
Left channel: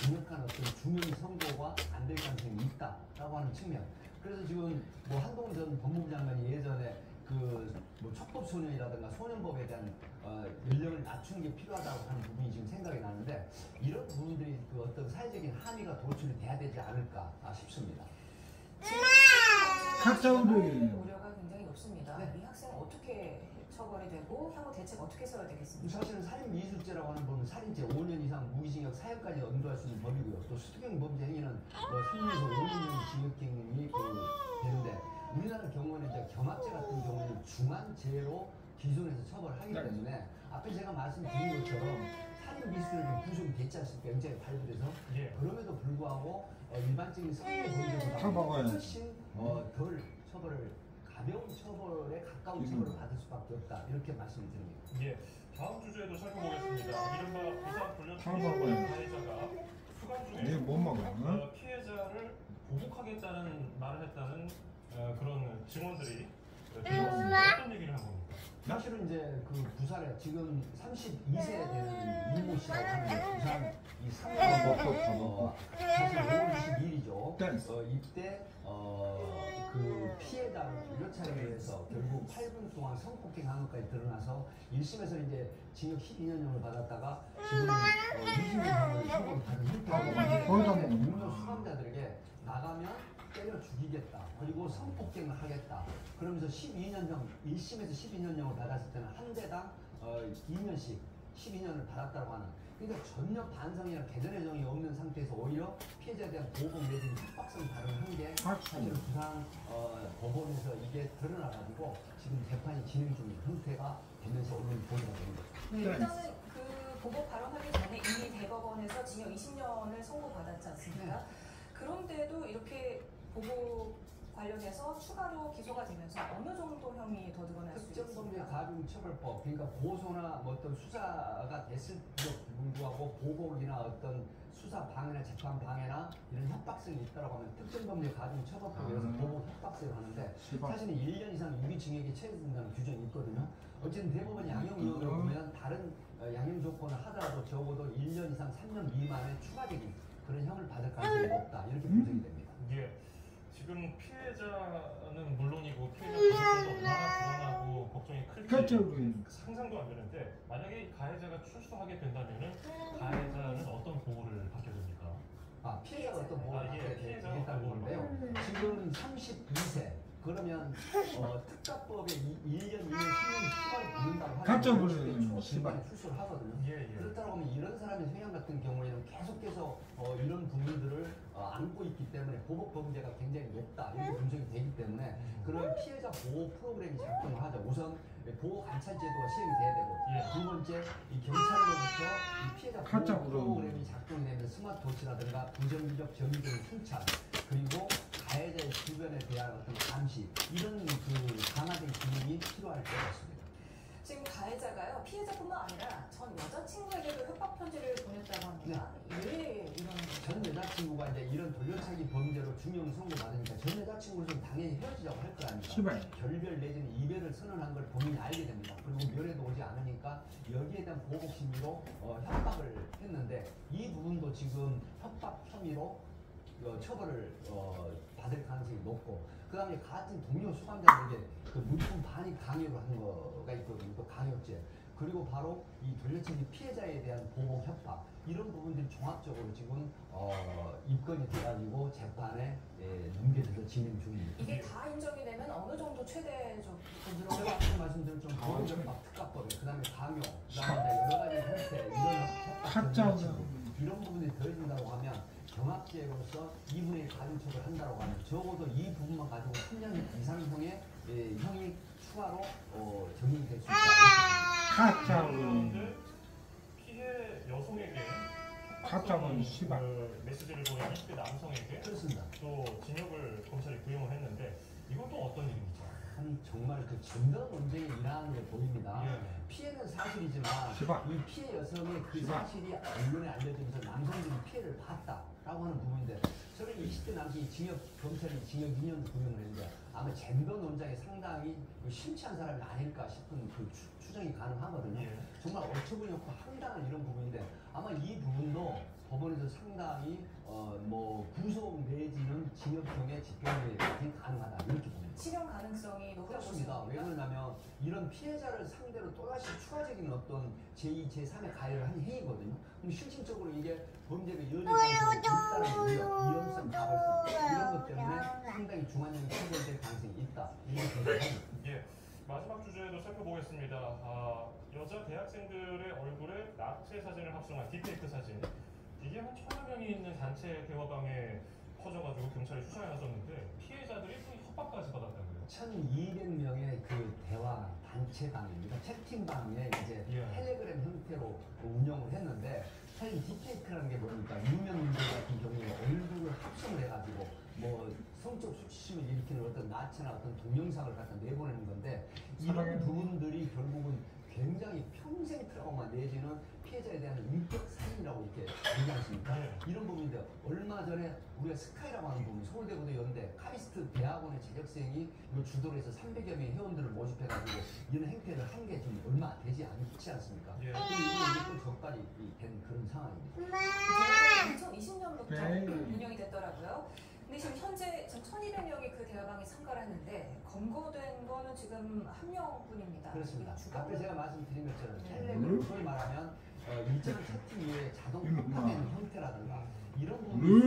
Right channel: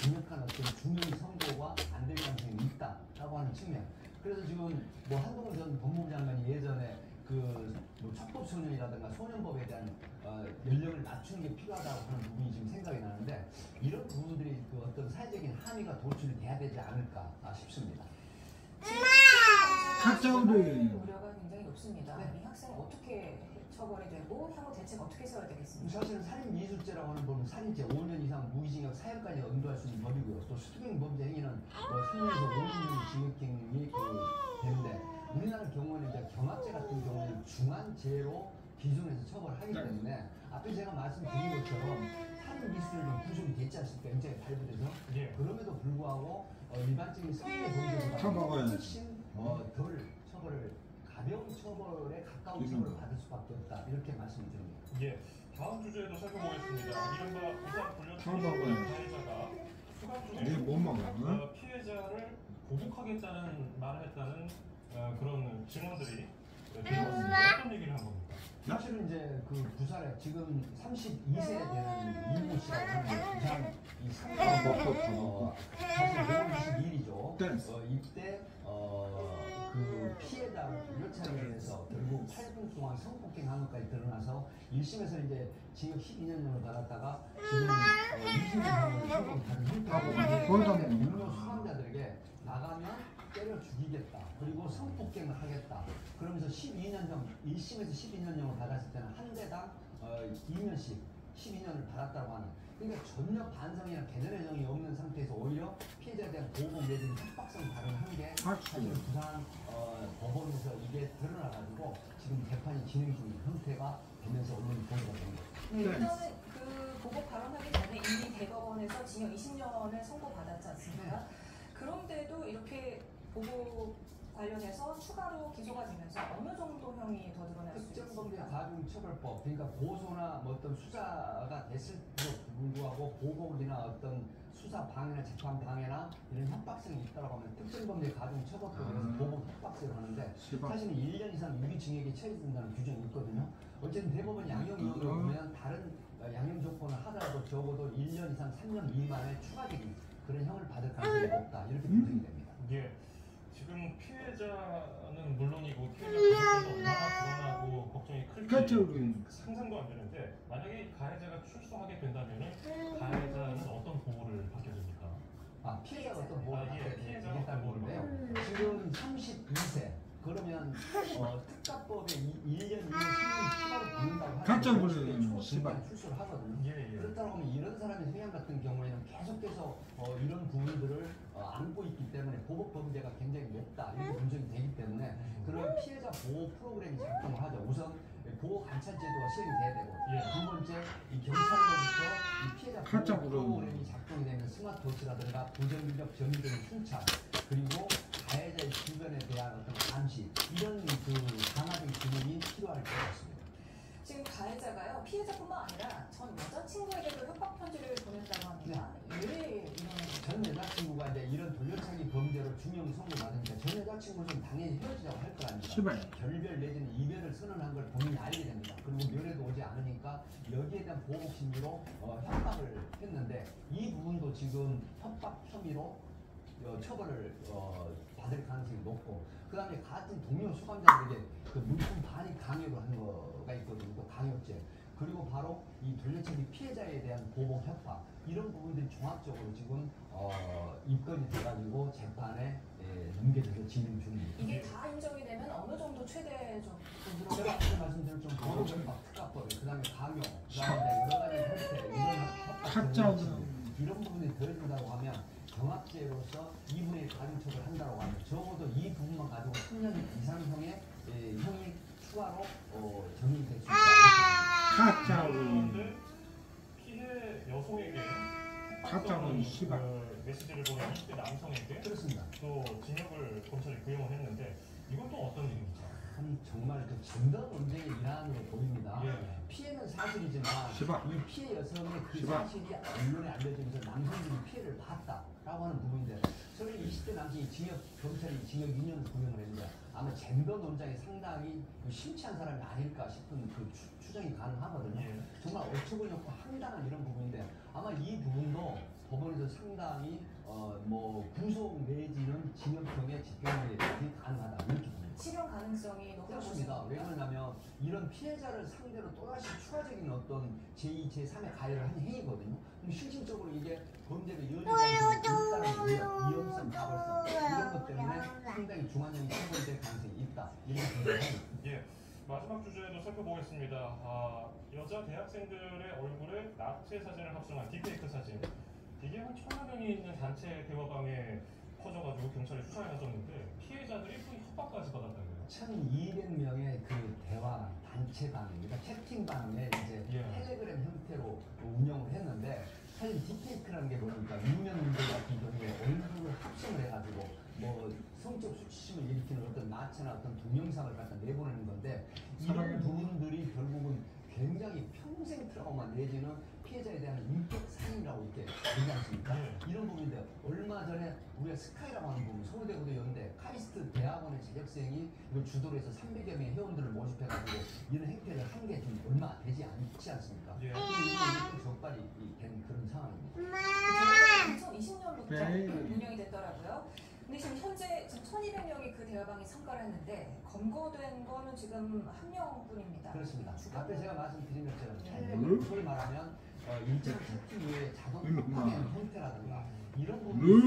강력한 어떤 중형의 선고가 안 될 가능성이 있다라고 하는 측면. 그래서 지금 뭐 한동훈 전 법무부 장관이 예전에 뭐 촉법소년이라든가 소년법에 대한 연령을 낮추는 게 필요하다고 하는 부분이 지금 생각이 나는데 이런 부분들이 그 어떤 사회적인 합의가 도출이 돼야 되지 않을까 싶습니다. 우려가 굉장히 높습니다. 이 학생 어떻게 처벌이 되고 향후 대책 어떻게 세워야 되겠습니까? 사실은 살인 미수죄라고 하는 법은 살인죄 5년 이상 무기징역 사형까지 연도할 수 있는 법이고요. 또 수경 범죄 행위는 3년에서 5년 징역형이 되는데 우리나라 경우에는 이제 경합죄 같은 경우는 중한죄로 기준해서 처벌하기 때문에 앞에 제가 말씀드린 것처럼 살인 미수죄는 구속이 됐지 않습니까? 영장이 발부돼서 그럼에도 불구하고 일반적인 성범 범죄보다 훨씬 덜 처벌을 가벼운 처벌에 가까운 처벌을 받을 수밖에 없다 이렇게 말씀드립니다. 예, 다음 주제도 살펴보겠습니다. 이른바 부산 불륜 가해자가 수감 중에 피해자를 보복하겠다는 말을 했다는 그런 증언들이 들려왔습니다. 어떤 얘기를 한 겁니까? 사실은 이제 그 부산에 지금 32세 되는 이모 씨라고 하는 부산 이 3년 사실 5월 22일이죠. 이때 그 피해자 묘찰에 대해서 결국 8분 동안 성폭행한 것까지 드러나서 1심에서 이제 징역 12년형을 받았다가 지금은 20년 형을 받은 형태로 유명 수감자들에게 나가면 때려 죽이겠다. 그리고 성폭행을 하겠다. 그러면서 12년형 1심에서 12년형을 받았을 때는 한 대당 2년씩 12년을 받았다고 하는. 그러니까 전혀 반성이나 개선의 없는 상태에서 오히려 피해자에 대한 보호법 내지는 협박성 발언한 게 사실 부산 법원에서 이게 드러나가지고 지금 재판이 진행 중인 형태가 되면서 언론이 보도가 됩니다. 일단은 그 보복 발언하기 전에 이미 대법원에서 징역 20년을 선고받았지 않습니까? 그런데도 이렇게 보복 관련해서 추가로 기소가 되면서 어느 정도 형이 더 늘어날 수 있습니까? 특정범죄 가중처벌법, 그러니까 고소나 뭐 어떤 수사가 됐을지도 불구하고 보복이나 어떤 수사 방해나 재판 방해나 이런 협박성이 있다고 하면 특정범죄 가중처벌법에 의해서 보복 협박성을 하는데 사실은 1년 이상 유기징역에 처해진다는 규정이 있거든요. 어쨌든 대법원 양형 이유를 보면 다른 양형 조건을 하더라도 적어도 1년 이상 3년 미만의 추가적인 그런 형을 받을 가능성이 높다 이렇게 분석이 됩니다. 예. 지금 피해자는 물론이고 피해자 가족들도 얼마나 불안하고 걱정이 클지 상상도 안 되는데 만약에 가해자가 출소하게 된다면 가해자는 어떤 보호를 받게 됩니까? 피해자가 어떤 보호를 받게 되겠다는 건데요. 지금 32세 그러면 특가법에 1년, 2년, 3년 추가로 붙는다고 하면 출소를 하거든요. 그렇다 보면 이런 사람의 성향 같은 경우에는 계속해서 이런 부분들을 안고 있기 때문에 보복 범죄가 굉장히 높다 이렇게 분석이 되기 때문에 그런 피해자 보호 프로그램이 작동을 하죠. 우선 보호 관찰 제도가 시행돼야 되고 두 번째 이 경찰로부터 이 피해자 보호 프로그램이 작동이 되면 스마트워치라든가 부정적 정의 등의 순찰 그리고 가해자의 주변에 대한 어떤 감시 이런 그 강화된 기능이 필요할 것 같습니다. 지금 가해자가요 피해자뿐만 아니라 전 여자친구에게도 협박 편지를 보냈다고 합니다. 왜 이런 전 여자친구가 이제 이런 돌려차기 범죄로 중형 선고받으니까 전 여자친구는 당연히 헤어지자고 할 거 아닙니까? 결별 내지는 이별을 선언한 걸 본인이 알게 됩니다. 그리고 면회도 오지 않으니까 여기에 대한 보복 심리로 협박을 했는데 이 부분도 지금 협박 혐의로 처벌을 받을 가능성이 높고 그 다음에 같은 동료 수감자들에게 그 물품 반입 강요를 하는 거가 있거든요. 또 강요죄 그리고 바로 이 돌려차기 피해자에 대한 보복 협박 이런 부분들이 종합적으로 지금 입건이 돼가지고 재판에 문제돼서 진행 중입니다. 이게 다 인정이 되면 어느 정도 최대적으로 제가 앞서 말씀드린 좀 보복 협박 특가법에 그 다음에 강요 그 다음에 여러 가지 형태 이런 부분이 더해진다고 하면 경합죄로서 2분의 가중처벌 한다고 하면 적어도 이 부분만 가지고 3년 이상형의 형이 추가로 적용될 수 있다. 그런데 피해 여성에게 가짜는 시발 메시지를 보낸 20대 남성에게 그렇습니다. 또 징역을 검찰이 구형을 했는데 이건 또 어떤 일입니까? 정말 그 정당 논쟁에 일하는 게 보입니다. 피해는 사실이지만 이 피해 여성의 그 사실이 언론에 알려지면서 남성들이 피해를 봤다라고 하는 부분인데 저는 20대 남성이 검찰이 징역 2년 구형을 했는데 아마 젠더 논쟁에 상당히 심취한 사람이 아닐까 싶은 그 추정이 가능하거든요. 정말 어처구니 없고 황당한 이런 부분인데 아마 이 부분도 법원에서 상당히 뭐 구속 내지는 징역형의 집행이 가능하다 이렇게 봅니다. 실현 가능성이 높습니다. 왜 그러냐면 이런 피해자를 상대로 또다시 추가적인 어떤 제2, 제3의 가해를 한 행위거든요. 그럼 실질적으로 이게 범죄가 이어질 가능성이 있다는 위험성, 가벌성 이런 것 때문에 상당히 중환형이 처벌될 가능성이 있다. 이렇게 생각합니다. 예, 마지막 주제도 살펴보겠습니다. 여자 대학생들의 얼굴에 낙체 사진을 합성한 딥페이크 사진. 이게 한 1,000여 명이 있는 단체 대화방에 퍼져가지고 경찰에 수사에 나섰는데 피해자들이 큰 협박까지 받았다고요. 1,200명의 그 대화 단체방입니다. 채팅방에 이제 텔레그램 형태로 운영을 했는데 사실 딥페이크라는 게 보니까 유명인들 같은 경우에 얼굴을 합성을 해가지고 뭐 성적 수치심을 일으키는 어떤 나체나 어떤 동영상을 갖다 내보내는 건데 이런 부분들이 결국은 굉장히 평생 트라우마 내지는 피해자에 대한 인격 사인이라고 이렇게 얘기하지 않습니까? 이런 부분인데 얼마 전에 우리가 스카이라고 하는 부분 서울대고대 연대 카리스트 대학원의 재적생이 이거 주도로 해서 300여 명의 회원들을 모집해가지고 이런 행태를 한 게 좀 얼마 되지 않지 않습니까? 이게 또 적발이 된 그런 상황입니다. 2020년부터 운영이 됐더라고요. 근데 지금 현재 1,200명이 그 대화방에 참가를 했는데 검거된 거는 지금 1명뿐입니다. 그렇습니다. 주변 앞에 제가 말씀드린 것처럼 네. 텔레그램 소위 말하면 일정 채팅 위에 자동 화면 형태라든가 이런 부분이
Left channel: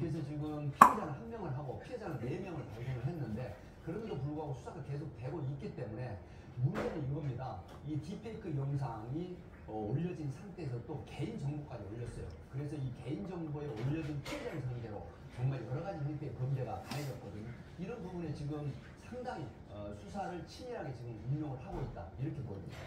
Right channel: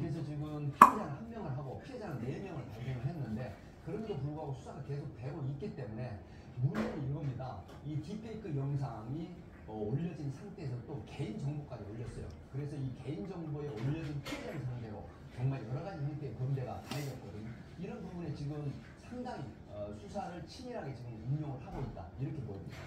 그래서 지금 피해자는 1명을 하고 피해자는 4명을 발견을 했는데 그럼에도 불구하고 수사가 계속 되고 있기 때문에 문제는 이겁니다. 이 딥페이크 영상이 올려진 상태에서 또 개인 정보까지 올렸어요. 그래서 이 개인 정보에 올려진 피해자를 상대로 정말 여러 가지 형태의 범죄가 가해졌거든요. 이런 부분에 지금 상당히 수사를 치밀하게 지금 운영을 하고 있다 이렇게 보입니다.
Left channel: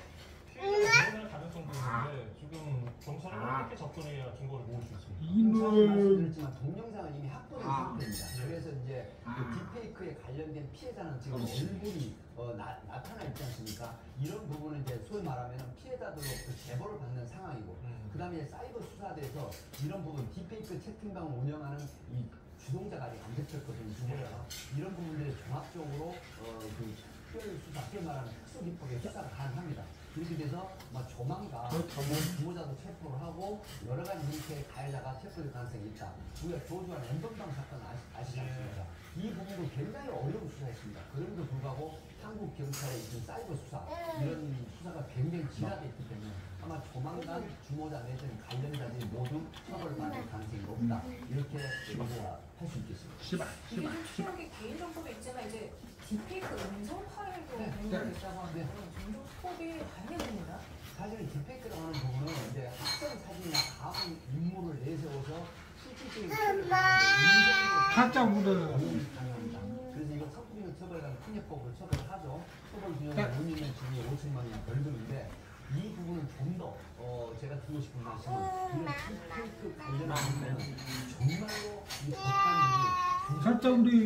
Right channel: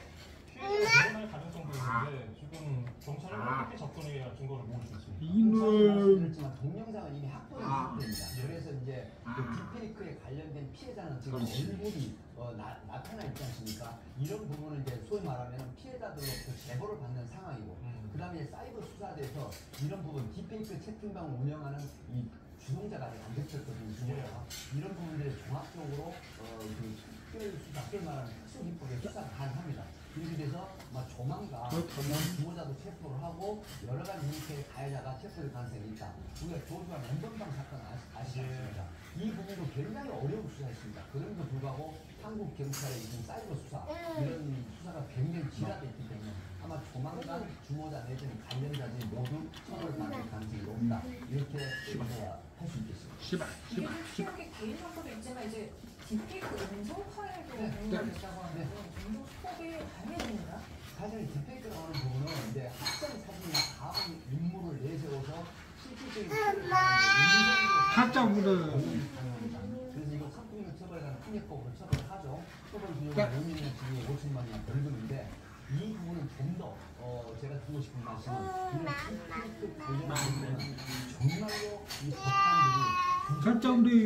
피해자가 가능성도 있는데 지금 검찰은 어떻게 접근해야 증거를 모을 수 있습니까? 말씀드렸지만 동영상은 이미 확보된 상태입니다. 그래서 이제 그 딥페이크에 관련된 피해자는 지금 얼굴이 나타나 있지 않습니까? 이런 부분은 이제 소위 말하면 피해자들로부터 제보를 받는 상황이고 그 다음에 사이버 수사대에서 이런 부분 딥페이크 채팅방을 운영하는 이 주동자가 아직 안 됐었거든요. 이런 부분들을 종합적으로 그 특별 수사, 소위 말하는 특수기법에 수사가 가능합니다. 그렇게 돼서 조만간 주모자도 체포를 하고 여러 가지 형태의 가해자가 체포될 가능성이 있다. 우리가 조주한 엠번방 사건 아시지 않습니까? 이 부분도 굉장히 어려운 수사였습니다. 그럼에도 불구하고 한국 경찰의 지금 사이버 수사 이런 수사가 굉장히 진화되어 있기 때문에 아마 조만간 주모자 내지는 관련자들이 모두 처벌받을 가능성이 높다. 이렇게 우리가 할 수 있겠습니다. 이게 좀 취약의 개인정보도 있지만 이제 딥페이크 음성 파일도 공개됐다고 하는데 종종 스톱이 다행입니다. 사실 딥페이크라고 하는 부분은 이제 학생 사진이나 다음 인물을 내세워서 실질적인 학자분들 그래서 이거 성폭력 처벌관 특례법으로 처벌하죠. 처벌 기준은 5년의 징역 5천만 원 벌금인데 이 부분은 좀 더 제가 드리고 싶은 말씀은 이런 딥페이크 관련한 부분은 정말로 이 법관들이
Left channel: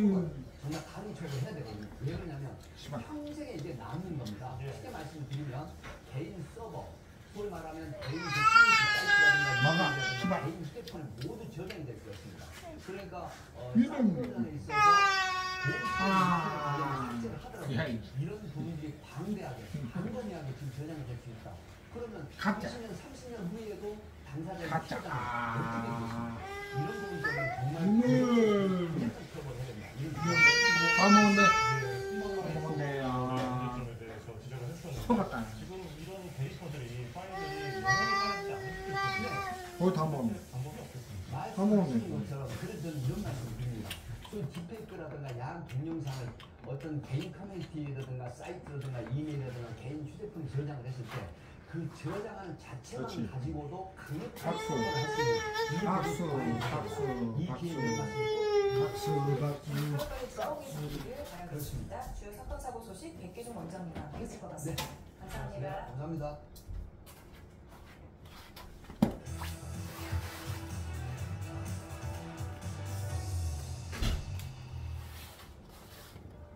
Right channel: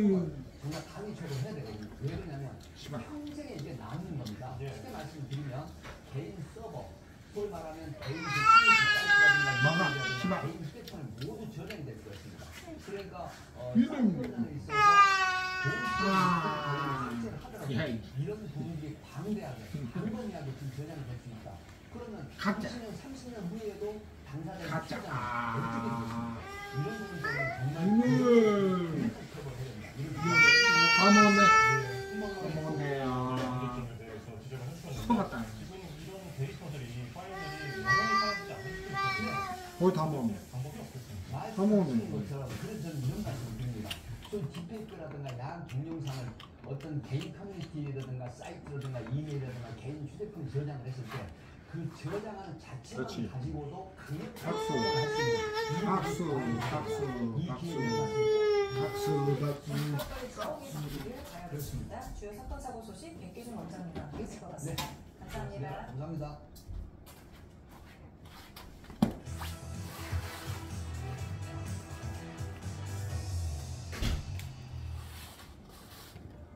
정말 강의 처벌해야 되거든요. 왜 그러냐면 평생에 이게 남는 겁니다. 쉽게 말씀드리면 개인 서버, 소위 말하면 개인 사이트라든가 개인 휴대폰에 모두 저장이 될 것입니다. 그러니까 사업자에 있어서 이런 분위기 방대하게, 방대하게 지금 저장이 될 수 있다. 그러면 20년, 30년 후에도 당사자의 피해자는 어떻게 되십니까? 이런 부분 때문에 정말 처벌해야 된다. 다 먹었네. 지금 이런 데이터들이 파일들이 영향하지 않을 수 있거든요. 거의 다 먹었네. 방법이 없겠습니다. 다 먹었네. 그래서 저는 이런 말씀을 드립니다. 소위 딥페이크라든가 야한 동영상을 어떤 개인 커뮤니티라든가 사이트라든가 이메일이라든가 개인 휴대폰 저장을 했을 때 그 저장하는 자체만 가지고도 그 박수. 그렇습니다. 주요 사건 사고 소식 백기준 원장님과 함께 짚어봤습니다. 감사합니다. 감사합니다.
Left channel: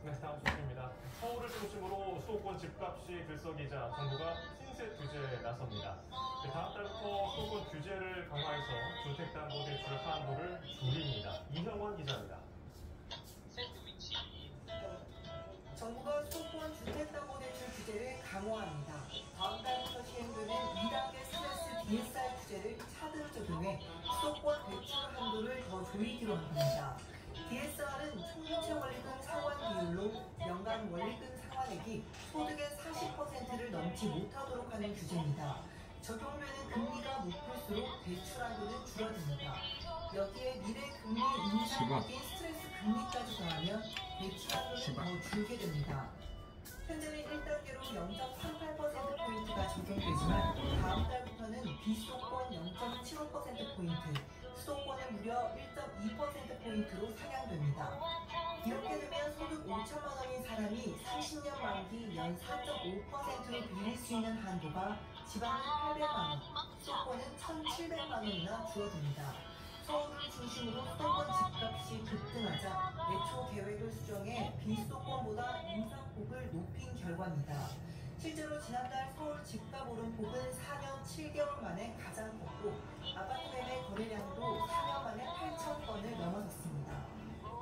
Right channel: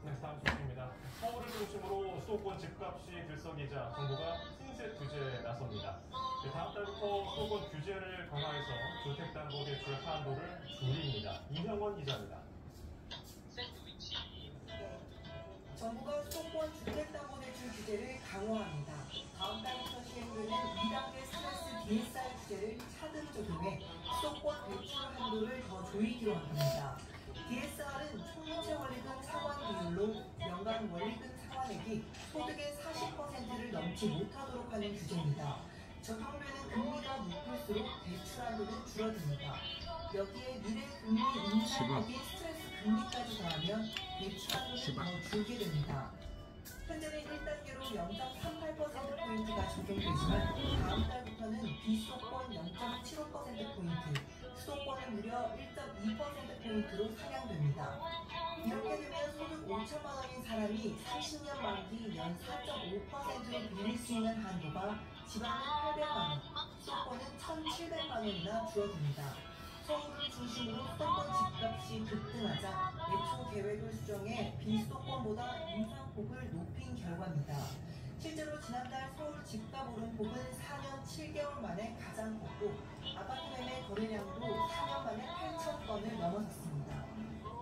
네, 다음 소식입니다. 서울을 중심으로 수도권 집값이 들썩이자 정부가 신세 규제에 나섭니다. 다음 달부터 수도권 규제를 강화해서 주택담보대출 한도를 줄입니다. 이형원 기자입니다. 정부가 수도권 주택담보대출 규제를 강화합니다. 다음 달부터 시행되는 2단계 스트레스 DSR 규제를 차등 적용해 수도권 대출 한도를 더 조이기로 합니다. DSR은 총부채 원리금 상환 비율로 연간 원리금 상환액이 소득의 40%를 넘지 못하도록 하는 규제입니다. 적용되는 금리가 높을수록 대출 한도는 줄어듭니다. 여기에 미래 금리 인상 및 스트레스 금리까지 더하면 대출 한도는 더 줄게 됩니다. 현재는 1단계로 0.38%포인트가 적용되지만 다음 달부터는 비수도권 0.75%포인트, 수도권은 무려 1.2%포인트로 상향됩니다. 이렇게 되면 소득 5천만 원인 사람이 30년 만기 연 4.5%로 빌릴 수 있는 한도가 지방은 800만 원, 수도권은 1,700만 원이나 줄어듭니다. 서울을 중심으로 수도권 집값이 급등하자 애초 계획을 수정해 비수도권보다 인상폭을 높인 결과입니다. 실제로 지난달 서울 집값 오름폭은 4년 7개월 만에 가장 컸고 아파트 매매 거래량도 4년 만에 8천 건을 넘어섰습니다.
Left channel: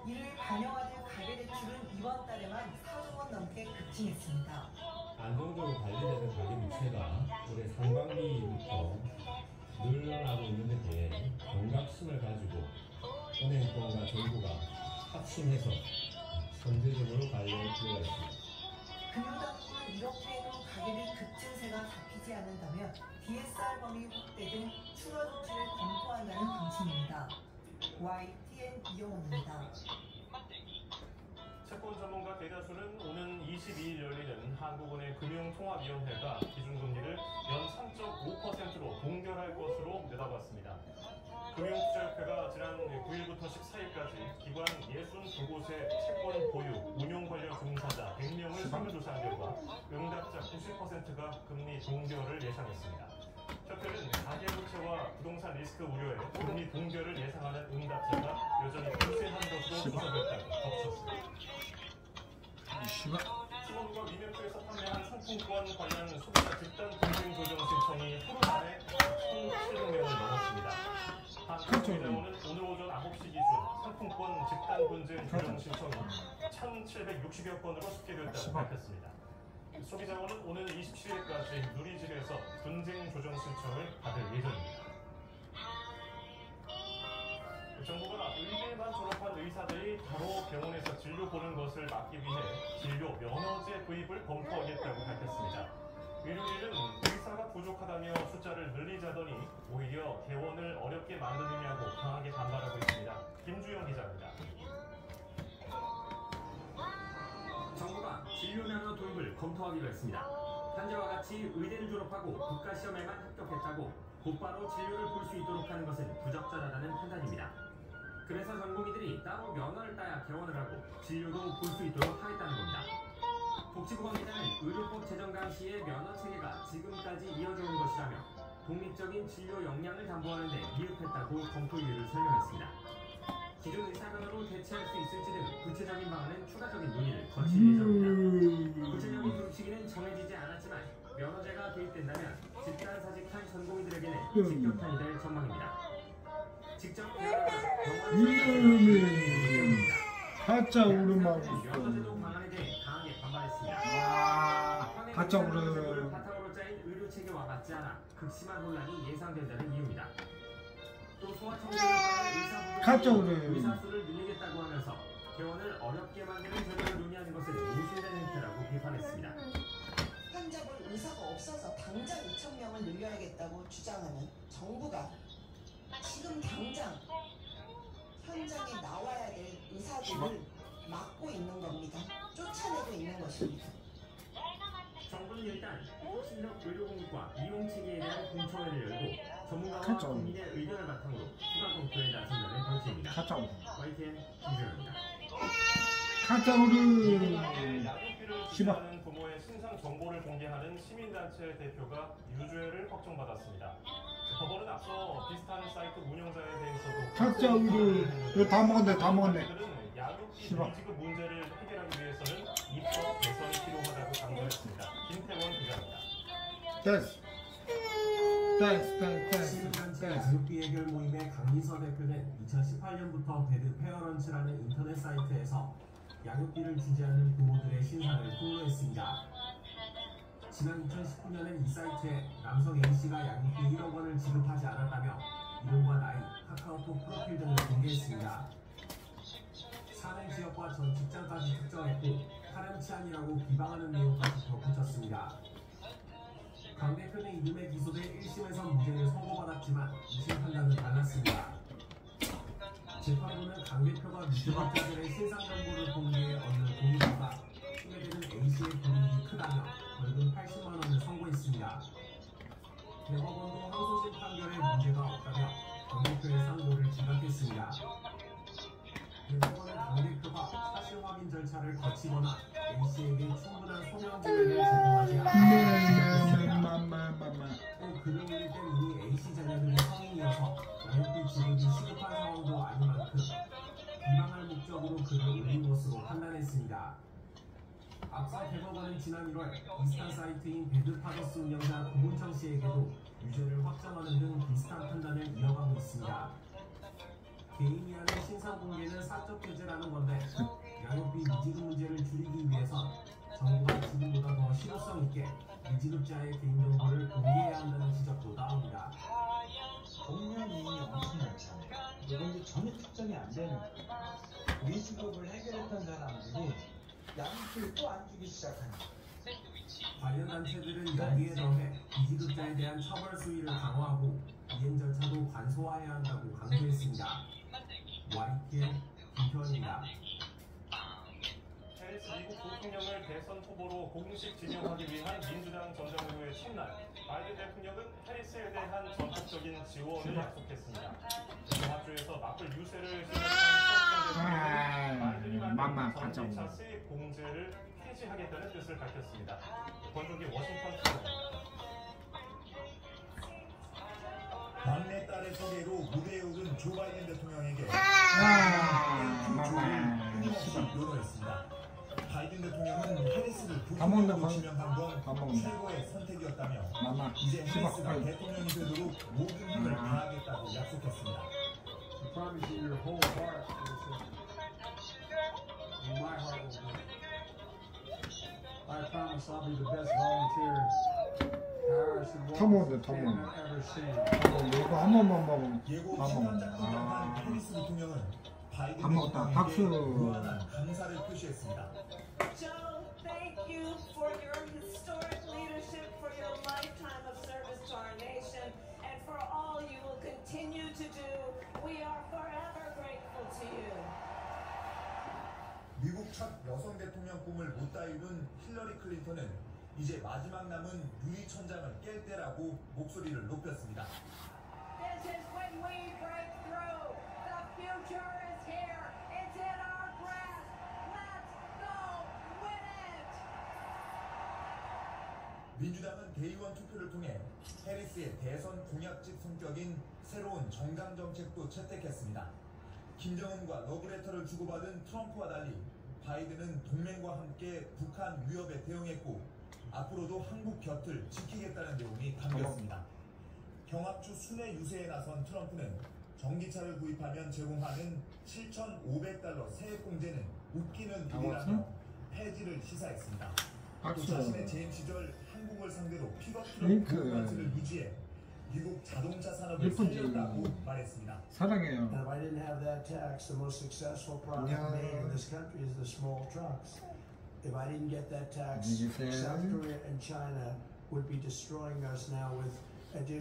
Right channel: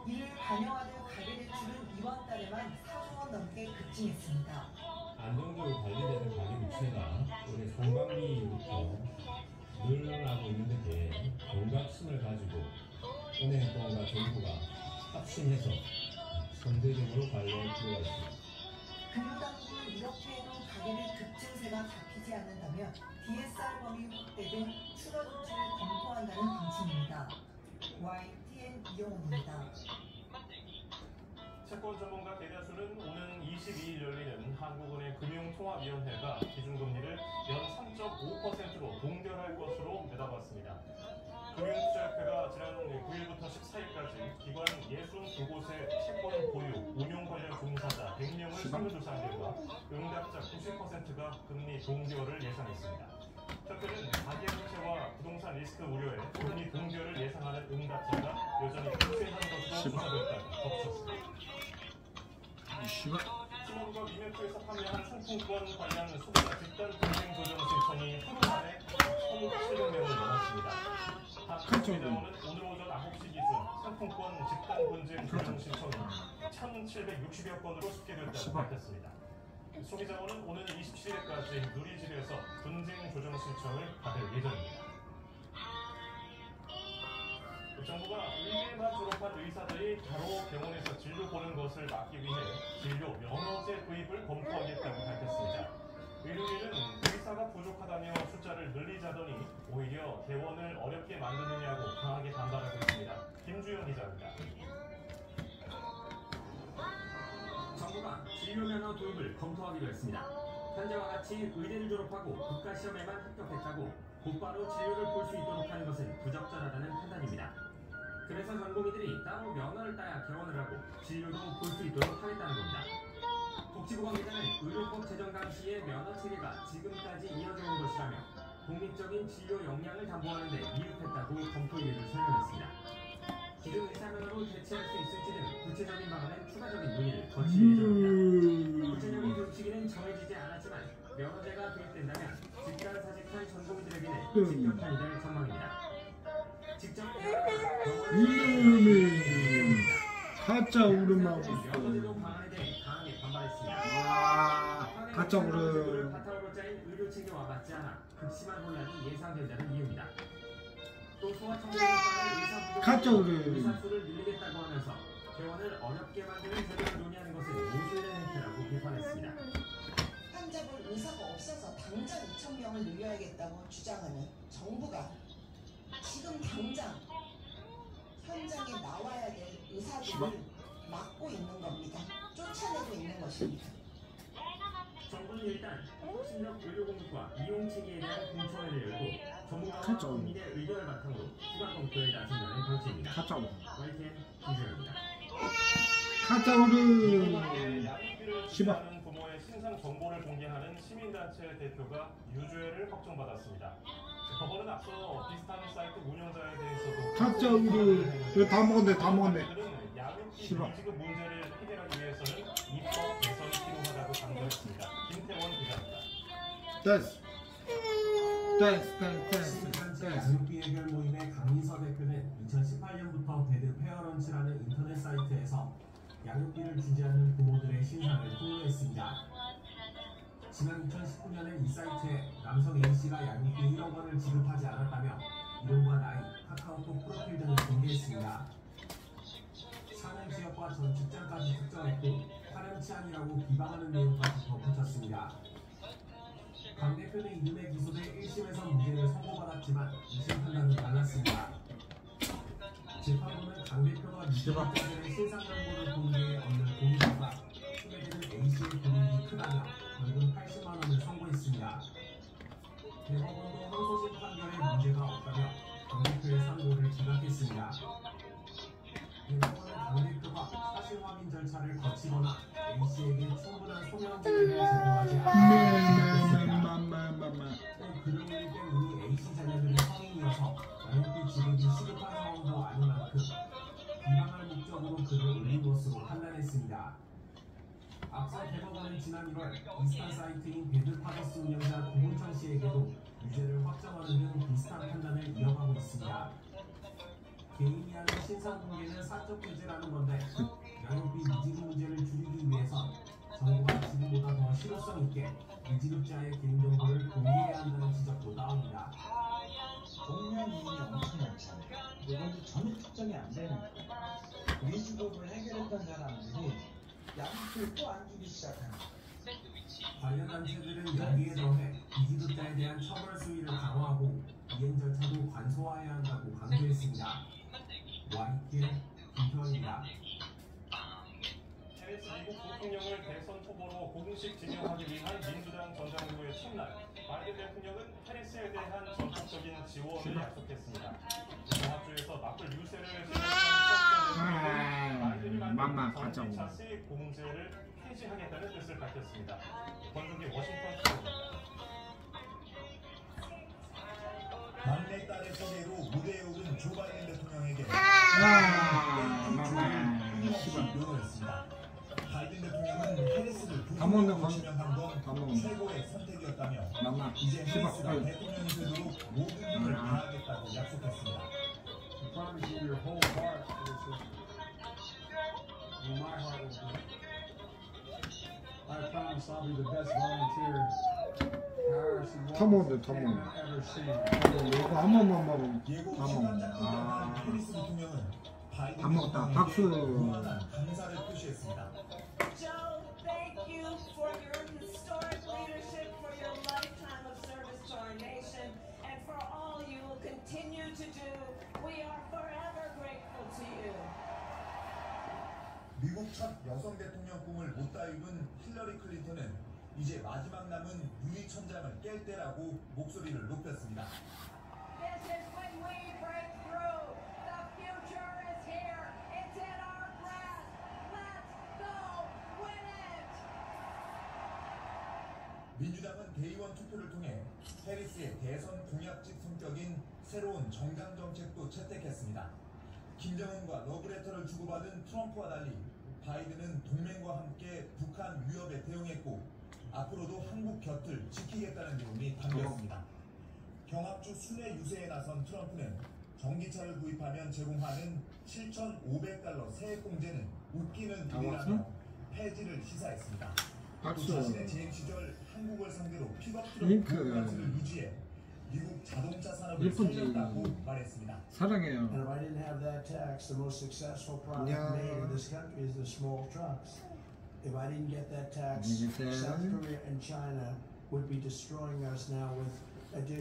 이를 반영하는 가계대출은 이번 달에만 4조 원 넘게 급증했습니다. 안정적으로 관리되는 가계부채가 올해 상반기부터 늘어나고 있는데 공각심을 가지고 확신해서 선제적으로 관리할 필요가 있습니다. 금융당국은 이렇게 해도 가계비 급증세가 잡히지 않는다면 DSR 범위 확대 등 추가 조치를 검토한다는 방침입니다. YTN 이영호입니다. 채권 전문가 대다수는 오는 22일 열리는 한국은행 금융통합위원회가 기준금리를 연 3.5%로 동결할 것으로 내다봤습니다. 금융투자협회가 지난 9일부터 14일까지 기관 62곳의 채권 보유, 운용 관련 종사자 100명을 설문조사한 결과 응답자 90%가 금리 동결을 예상했습니다. 협회는 가계부채와 부동산 리스크 우려에 금리 동결을 예상하는 응답자가 여전히 우세한 것으로 조사됐다고 덧붙였습니다. 신원과 위메크에서 판매한 상품권 관련 소비자 집단 분쟁 조정 신청이 하루 만에 1,700명을 넘었습니다. 한국은행은 오늘 오전 9시 기준 상품권 집단 분쟁 조정 신청이 1,760여 건으로 집계됐다고 밝혔습니다. 소비자원은 오는 27일까지 누리집에서 분쟁 조정 신청을 받을 예정입니다. 정부가 의대만 졸업한 의사들이 바로 병원에서 진료 보는 것을 막기 위해 진료 면허제 도입을 검토하겠다고 밝혔습니다. 의료인은 의사가 부족하다며 숫자를 늘리자더니 오히려 개원을 어렵게 만드느냐고 강하게 반발하고 있습니다. 김주영 기자입니다. 정부가 진료 면허 도입을 검토하기로 했습니다. 현재와 같이 의대를 졸업하고 국가시험에만 합격했다고 곧바로 진료를 볼 수 있도록 하는 것은 부적절하다는 판단입니다. 그래서 전공의들이 따로 면허를 따야 개원을 하고 진료도 볼 수 있도록 하겠다는 겁니다. 복지부 관계자는 의료법 제정 당시의 면허 체계가 지금까지 이어져 온 것이라며 독립적인 진료 역량을 담보하는 데 미흡했다고 검토 이유를 설명했습니다. 기존 의사 면허로 대체할 수 있을지 등 구체적인 방안은 추가적인 논의를 거칠 예정입니다. 구체적인 교육 시기는 정해지지 않았지만 면허제가 도입된다면 직관사직한 전공의들에게는 직격탄이 될 전망입니다. 직접 가짜 울음하고 있어. 면허제도 방안에 대해 강하게 반발했습니다. 와, 가짜 울음. 바탕으로 짜인 의료 체계와 맞지 않아 극심한 혼란이 예상된다는 이유입니다. 또 소아청소년과의 의사 가짜 울음. 의사 수를 늘리겠다고 하면서 개원을 어렵게 만드는 전략을 논의하는 것은 모순된 형태라고 비판했습니다. 환자분 의사가 없어서 당장 2,000명을 늘려야겠다고 주장하는 정부가 지금 당장 현장에 나와야 될 의사들을 막고 있는 겁니다. 쫓아내고 있는 것입니다. 정부는 일단 신력 의료공급과 이용 체계에 대한 공청회를 열고 전문가와 국민의 의견을 바탕으로 추가 검토에 나선다는 방침입니다. 가짜 울음. YTN 김주영입니다. 가짜 울음. 시바. 부모의 신상 정보를 공개하는 시민단체 대표가 유죄를 확정받았습니다. 법원은 앞서 비슷한 사이트 운영자에 대해서도 가짜 울음. 이거 다 먹었네, 다 먹었네. 시바. 지급 문제를 해결하기 위해서는 입법 개선이 필요하다고 강조했습니다. 김태원 기자입니다. 됐어. 시민단체 가족비 해결 모임의 강민서 대표는 2018년부터 배드 페어런치라는 인터넷 사이트에서 양육비를 주지 않는 부모들의 신상을 공유했습니다. 지난 2019년엔 이 사이트에 남성 A씨가 양육비 1억 원을 지급하지 않았다며 이름과 나이, 카카오톡 프로필 등을 공개했습니다. 사내 지역과 전 직장까지 특정했고 파렴치한이라고 비방하는 내용까지 덧붙였습니다. 강 대표는 이듬해 기소돼 1심에서 무죄를 선고받았지만 2심 판단은 달랐습니다. 재판부는 강 대표가 유죄자들의 신상 정보를 공개해 얻는 공유료가 소개되는 A씨의 금액이 크다며 벌금 80만 원을 선고했습니다. 대법원도 항소심 판결에 문제가 없다며 강 대표의 상고를 기각했습니다. 대법원은 강 대표가 사실 확인 절차를 거치거나 A씨에게 충분한 소명지를 제공하지 않았습니다. 또 글을 올릴 때 이미 A씨 자녀들의 성인이어서 양육비 지급이 시급한 상황도 아닌 만큼 비방할 목적으로 글을 올린 것으로 판단했습니다. 앞서 대법원은 지난 1월 비슷한 사이트인 배드파더스 운영자 고문천 씨에게도 유죄를 확정하는 등 비슷한 판단을 이어가고 있습니다. 개인이 하는 신상 공개는 사적 규제라는 건데 양육비 미지급 문제를 줄이기 위해선 정부가 지금보다 더 실효성 있게 미지급자의 개인정보를 공개해야 한다는 지적도 나옵니다. 공무원 이익이 엄청 많잖아요. 이건 전혀 특정이 안 되는 거예요. 미지급을 시작합니다. 관련 단체들은 여기에 더해 비기독자에 대한 처벌 수위를 강화하고 이행 절차도 간소화해야 한다고 강조했습니다. YTN 김태원입니다. 해리스 미국 부통령을 대선 후보로 공식 지명하기 위한 민주당 전당대회 첫날, 바이든 대통령은 해리스에 대한 전폭적인 지원을 약속했습니다. 공화주에서 맞불 유세를 시작한 바이든이 만든 전기차 세입 공제를 폐지하겠다는 뜻을 밝혔습니다. 권국이 워싱턴 투어입니다. 막내 딸의 소개로 무대에 오른 조 바이든 대통령에게 요구했습니다. 바이든 대통령은 해리스를 부통령으로 지명한 건 최고의 선택이었다며 이제 해리스가 대통령이 되도록 모든 힘을 다하겠다고 약속했습니다. I promise I'll be the best volunteer. 터모드 이거 한 번만 먹으면 밥 먹었다. 박수. 감사를 표시했습니다. Joe, thank you for your historic leadership, for your lifetime of service to our nation, and for all you will continue to do. We are forever grateful to you. 미국 첫 여성 대통령 꿈을 못다 이룬 힐러리 클린턴은 이제 마지막 남은 유리 천장을 깰 때라고 목소리를 높였습니다. This is when we break through. The future is here. It's in our grasp. Let's go win it. 민주당은 대의원 투표를 통해 해리스의 대선 공약직 성격인 새로운 정강 정책도 채택했습니다. 김정은과 러브레터를 주고받은 트럼프와 달리 바이든은 동맹과 함께 북한 위협에 대응했고 앞으로도 한국 곁을 지키겠다는 내용이 담겼습니다. 경합주 순회 유세에 나선 트럼프는 전기차를 구입하면 제공하는 $7,500 세액 공제는 웃기는 일이라며 폐지를 시사했습니다. 또 자신의 재임 시절 한국을 상대로 픽업 트럭 보호관세를 유지해 미국 자동차 산업을 살렸다고 말했습니다. 사랑해요. And if I didn't have that tax, the most successful product made in this country is the small trucks. If I didn't get that tax, South Korea and China would be destroying us now with additional